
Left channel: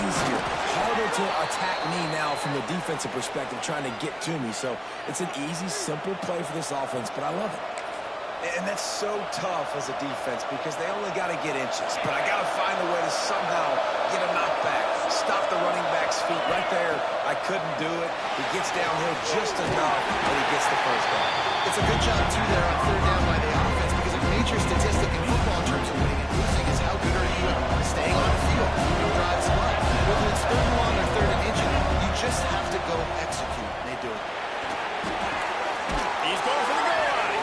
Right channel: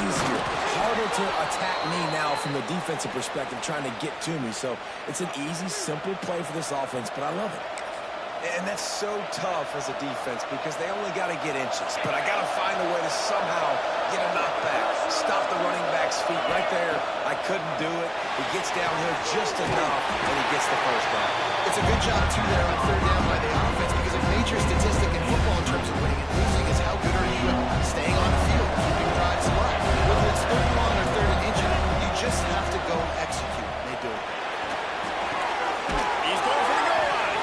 easier, harder to attack me now from the defensive perspective trying to get to me. So it's an easy, simple play for this offense, but I love it. And that's so tough as a defense because they only got to get inches. But I got to find a way to somehow get a knockback, stop the running back's feet right there. I couldn't do it. He gets downhill just enough, and he gets the first down. It's a good job, too, there on third down by the offense, because a major statistic in football in terms of winning and losing is how good are you at staying on the field, keeping drives alive. Whether it's third and long or third and inches, you just have to go execute. They do it. He's going for the goal line.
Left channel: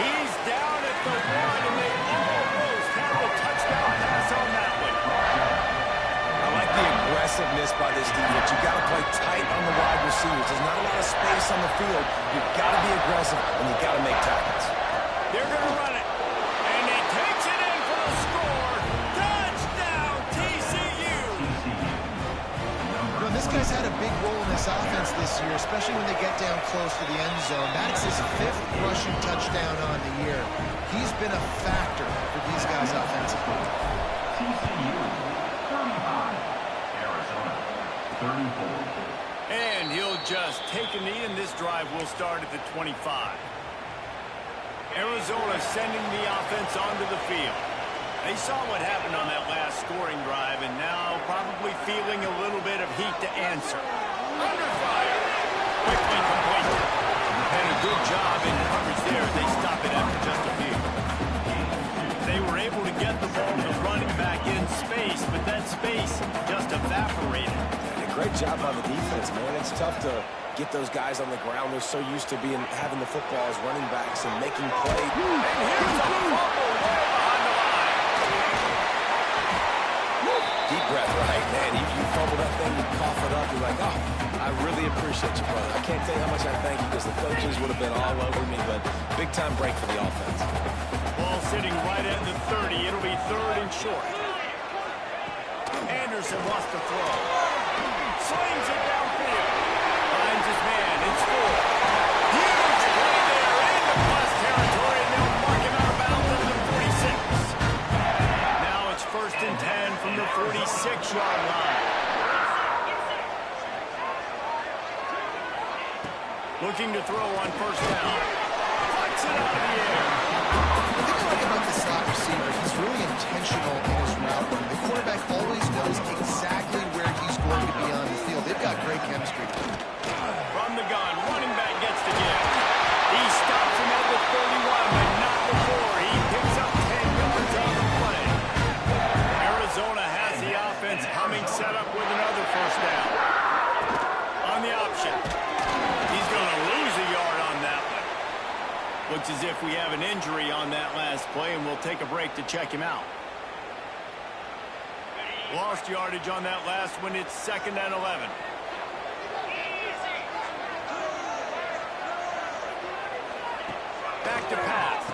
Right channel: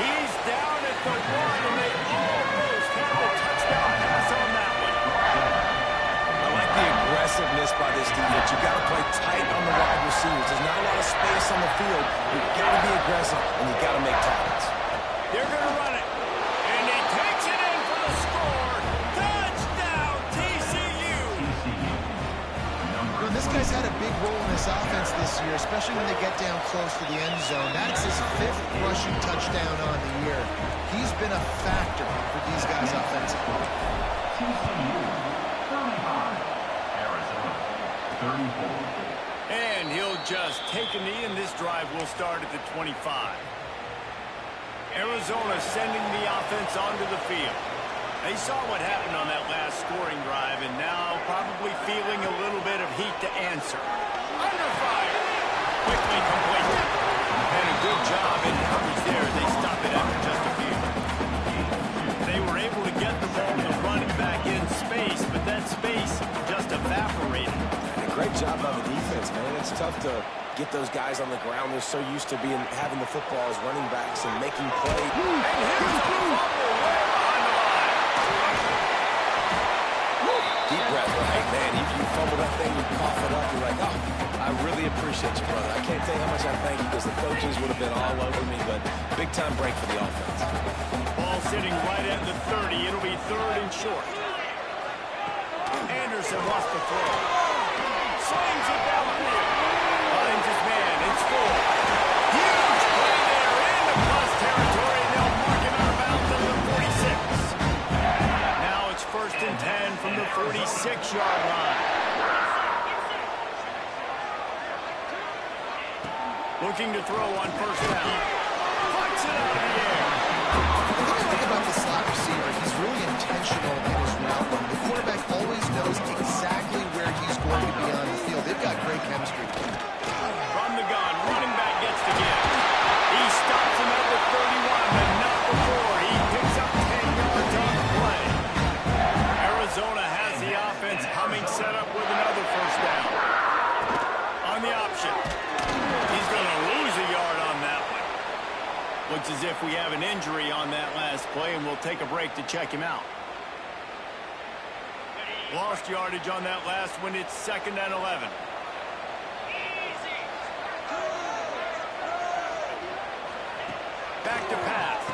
He's down at the 1, and they almost have a touchdown pass on that one. I like the aggressiveness by this defense. You've got to play tight on the wide receivers. There's not a lot of space on the field. You've got to be aggressive, and you've got to make tackles. They're going to run it, and he takes it in for the score. Touchdown, TCU. This guy's had a big role in this offense this year, especially when they get down close to the end zone. That's his 5th rushing touchdown on the year. He's been a factor for these guys offensively. TCU 35, Arizona 34. And he'll just take a knee, and this drive will start at the 25. Arizona sending the offense onto the field. They saw what happened on that last scoring drive, and now probably feeling a little bit of heat to answer. Under fire. Quickly complete. And a good job in coverage there. They stop it after just a few. They were able to get the ball to running back in space, but that space just evaporated. And a great job by the defense, man. It's tough to get those guys on the ground. They're so used to having the football as running backs and making plays. And here's a fumble way behind the line. Deep breath, right, man. You fumble that thing, you cough it up, you're like, oh, I really appreciate you, brother. I can't tell you how much I thank you, because the coaches would have been all over me, but big-time break for the offense. Ball sitting right at the 30. It'll be 3rd and short. Anderson wants to throw. Slings it downfield. Finds his man. It's 4. Huge play there into plus territory, and they'll mark him out of bounds at the 46. Now it's 1st and 10 from the 46-yard line. Looking to throw on 1st down. Puts it out of the air. The thing I like about the slot receiver, he's really intentional in his route run. The quarterback always knows exactly where he's going to be on the field. They've got great chemistry. From the gun, running back gets to give. He stops him at the 31, but not before. He picks up 10 yards on the play. Arizona has the offense humming, set up with another 1st down. On the option. He's going to lose a yard on that one. Looks as if we have an injury on that last play, and we'll take a break to check him out. Lost yardage on that last one. It's 2nd and 11. Back to pass.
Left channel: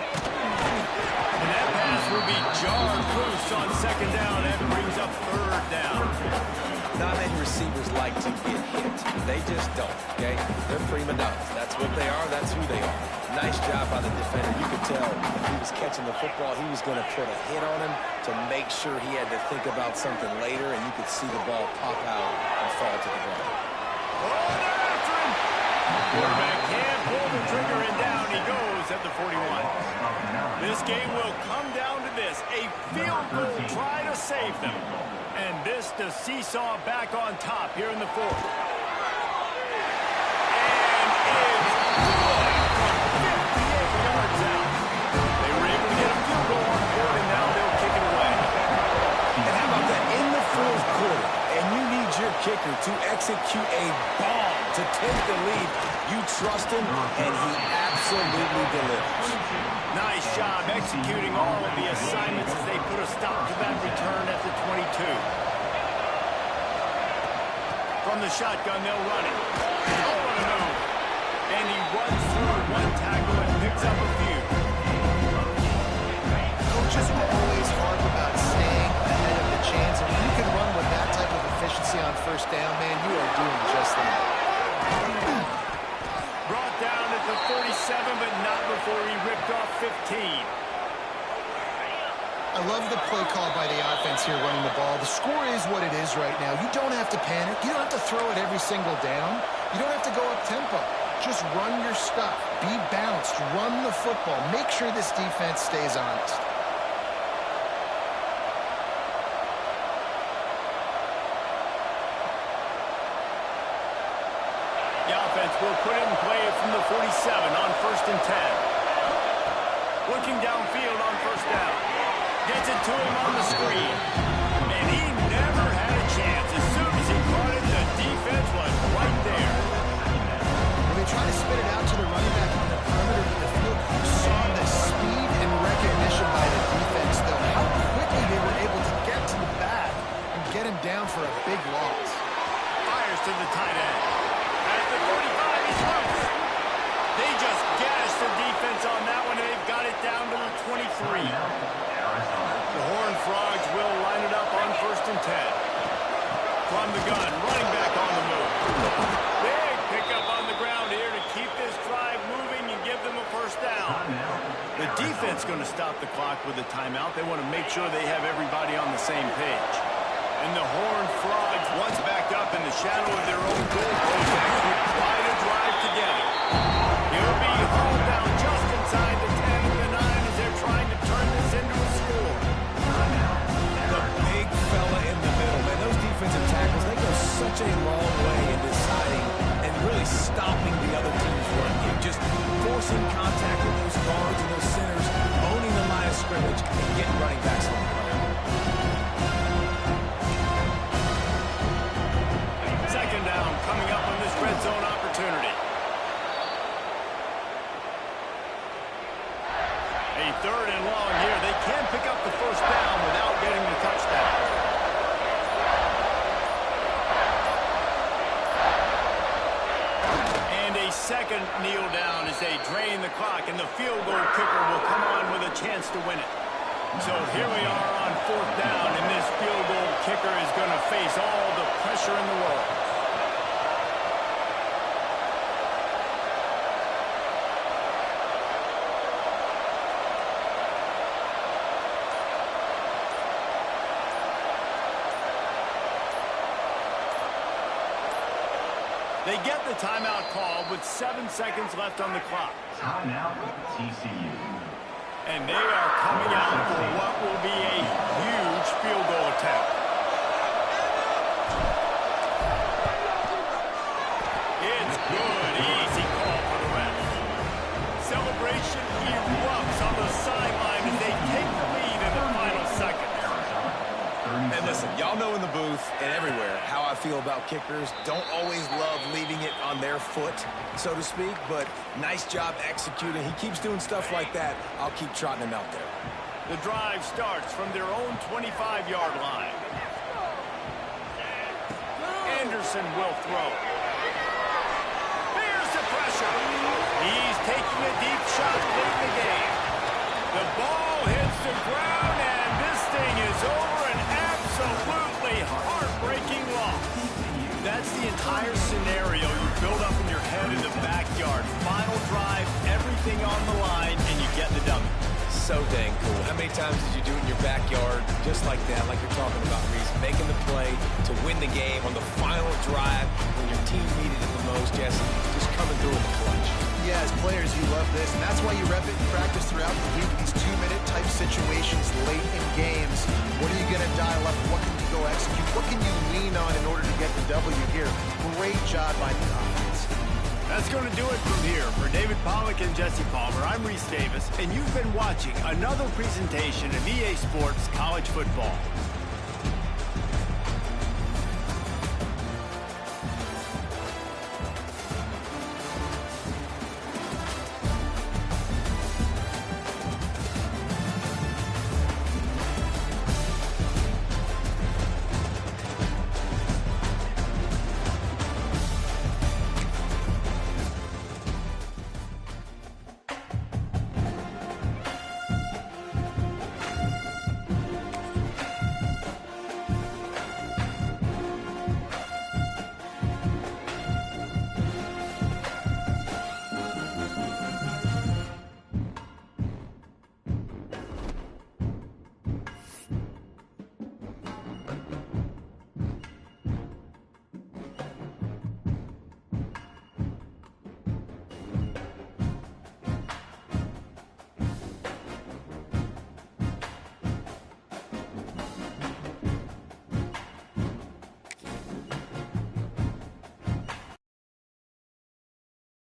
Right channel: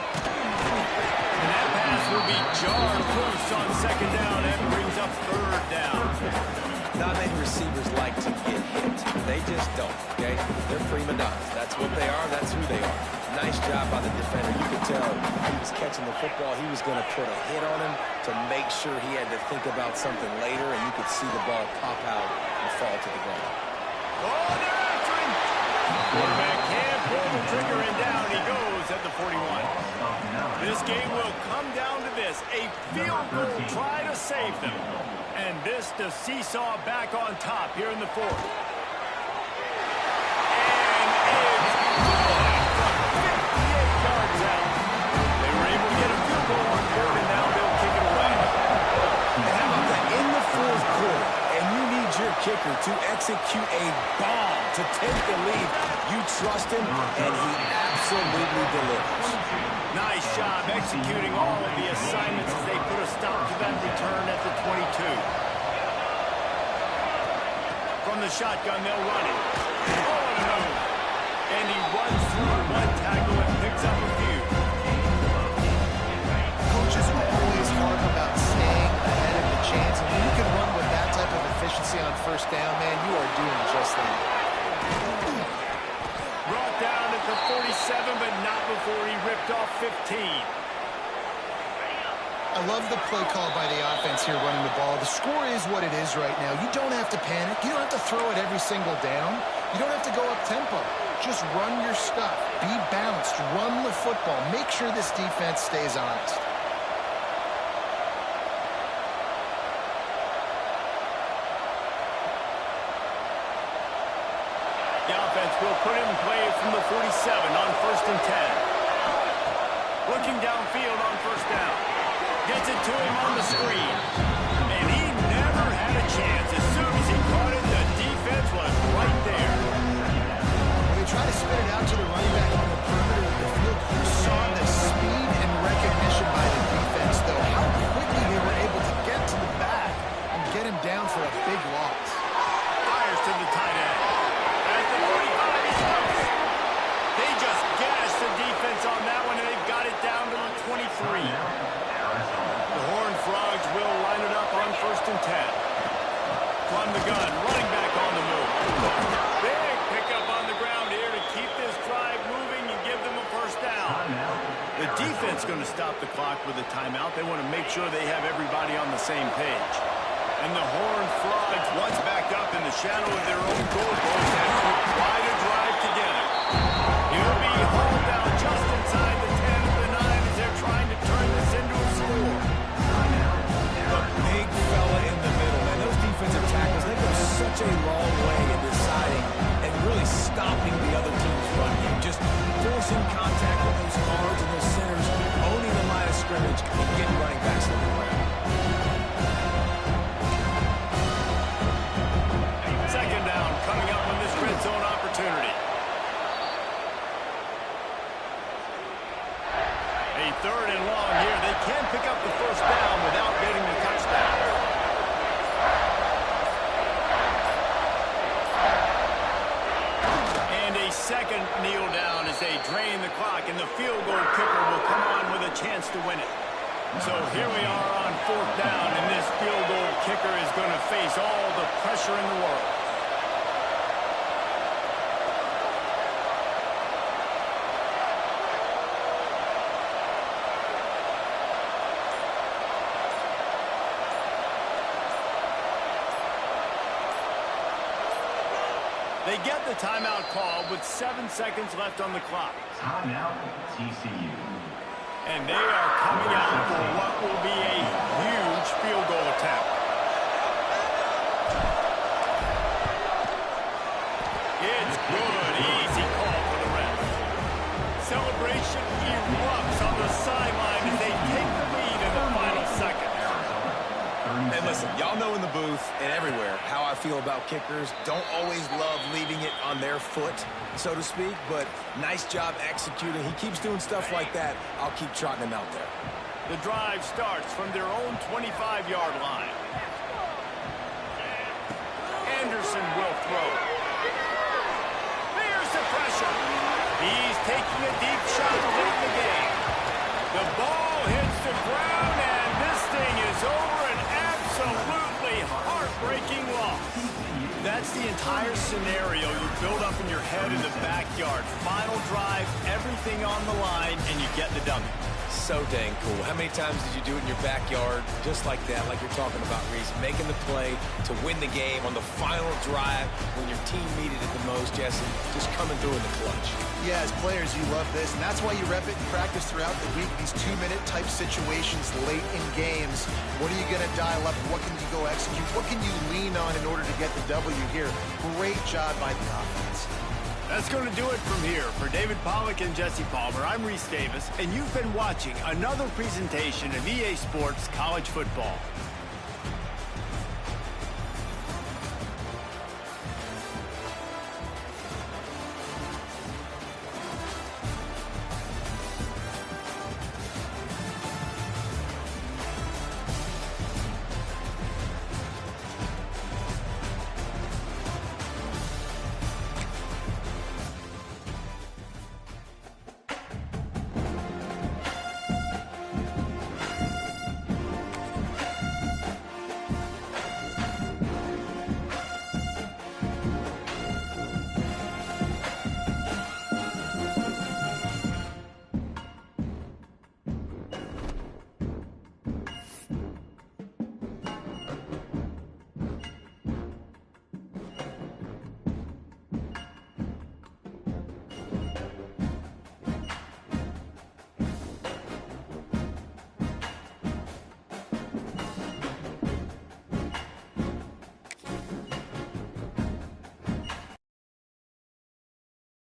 And that pass will be jarred loose on 2nd down and brings up 3rd down. Not many receivers like to get hit. They just don't, okay? They're prima donnas. That's what they are. That's who they are. Nice job by the defender. You could tell he was catching the football. He was going to put a hit on him to make sure he had to think about something later, and you could see the ball pop out and fall to the ground. Oh, they're after him. Quarterback can't pull the trigger, and down he goes at the 41. This game will come down to this. A field goal try to save them. And this to seesaw back on top here in the 4th. And it's good from 58 yards out. They were able to get a field goal on board, and now they'll kick it away. And how about that? In the 4th quarter, and you need your kicker to execute a bomb to take the lead. You trust him, and he absolutely delivers. Nice job executing all of the assignments as they put a stop to that return at the 22. From the shotgun, they'll run it. Oh, what a move. And he runs through 1 tackle and picks up a few. Coaches will always harp about staying ahead of the chains, and when you can run with that type of efficiency on 1st down, man, you are doing just that. Brought down at the 47, but not before he ripped off 15. I love the play call by the offense here running the ball. The score is what it is right now. You don't have to panic. You don't have to throw it every single down. You don't have to go up tempo. Just run your stuff. Be balanced. Run the football. Make sure this defense stays honest. The offense will put it in play from the 47 on 1st and 10. Looking downfield on 1st down. Gets it to him on the screen. And he never had a chance. As soon as he caught it, the defense was right there. When they try to spit it out to the running back on the perimeter of the field, you saw the speed and recognition by the defense, though. How quickly they were able to get to the back and get him down for a big loss. Fires to the tight end. At the 45, he's loose. They just gashed the defense on that one, and they've got it down to the 23. The Horned Frogs will line it up on 1st and 10. From the gun, running back on the move. Big pickup on the ground here to keep this drive moving and give them a 1st down. The defense going to stop the clock with a timeout. They want to make sure they have everybody on the same page. And the Horned Frogs, once backed up in the shadow of their own goal post, have put quite a drive together. He'll be hauled down just inside the 10 of the 9 as they're trying to turn this into a score. The big fella in the middle, man. Those defensive tackles, they go such a long way in deciding and really stopping the other team's run game. Just forcing contact with those guards and those centers, owning the line of scrimmage, and getting running backs on the ground. 2nd down coming up on this red zone opportunity. A 3rd and long here. They can pick up the 1st down without getting the touchdown. And a 2nd kneel down as they drain the clock, and the field goal kicker will come on with a chance to win it. So here we are on 4th down, and this field goal kicker is going to face all the pressure in the world. They get the timeout call with 7 seconds left on the clock. Timeout, TCU. And they are coming out for what will be a huge field goal attempt. It's good. Easy call for the ref. Celebration erupts on the sideline as they take the lead in the final seconds. And listen, y'all know in the booth and everywhere how I feel about kickers. Don't always love leaving it on their foot, so to speak, but nice job executing. He keeps doing stuff like that. I'll keep trotting him out there. The drive starts from their own 25-yard line. Anderson will throw. There's the pressure. He's taking a deep shot late in the game. The ball hits the ground, and this thing is over. An absolutely heartbreaking loss. That's the entire scenario you build up in your head in the backyard. Final drive, everything on the line, and you get the W. So dang cool. How many times did you do it in your backyard just like that, like you're talking about, Reese? Making the play to win the game on the final drive when your team needed it the most, Jesse. Just coming through in the clutch. Yeah, as players, you love this, and that's why you rep it in practice throughout the week, these 2-minute type situations late in games. What are you going to dial up? What can you go execute? What can you lean on in order to get the W here? Great job by the offense. That's going to do it from here. For David Pollack and Jesse Palmer, I'm Reese Davis, and you've been watching another presentation of EA Sports College Football.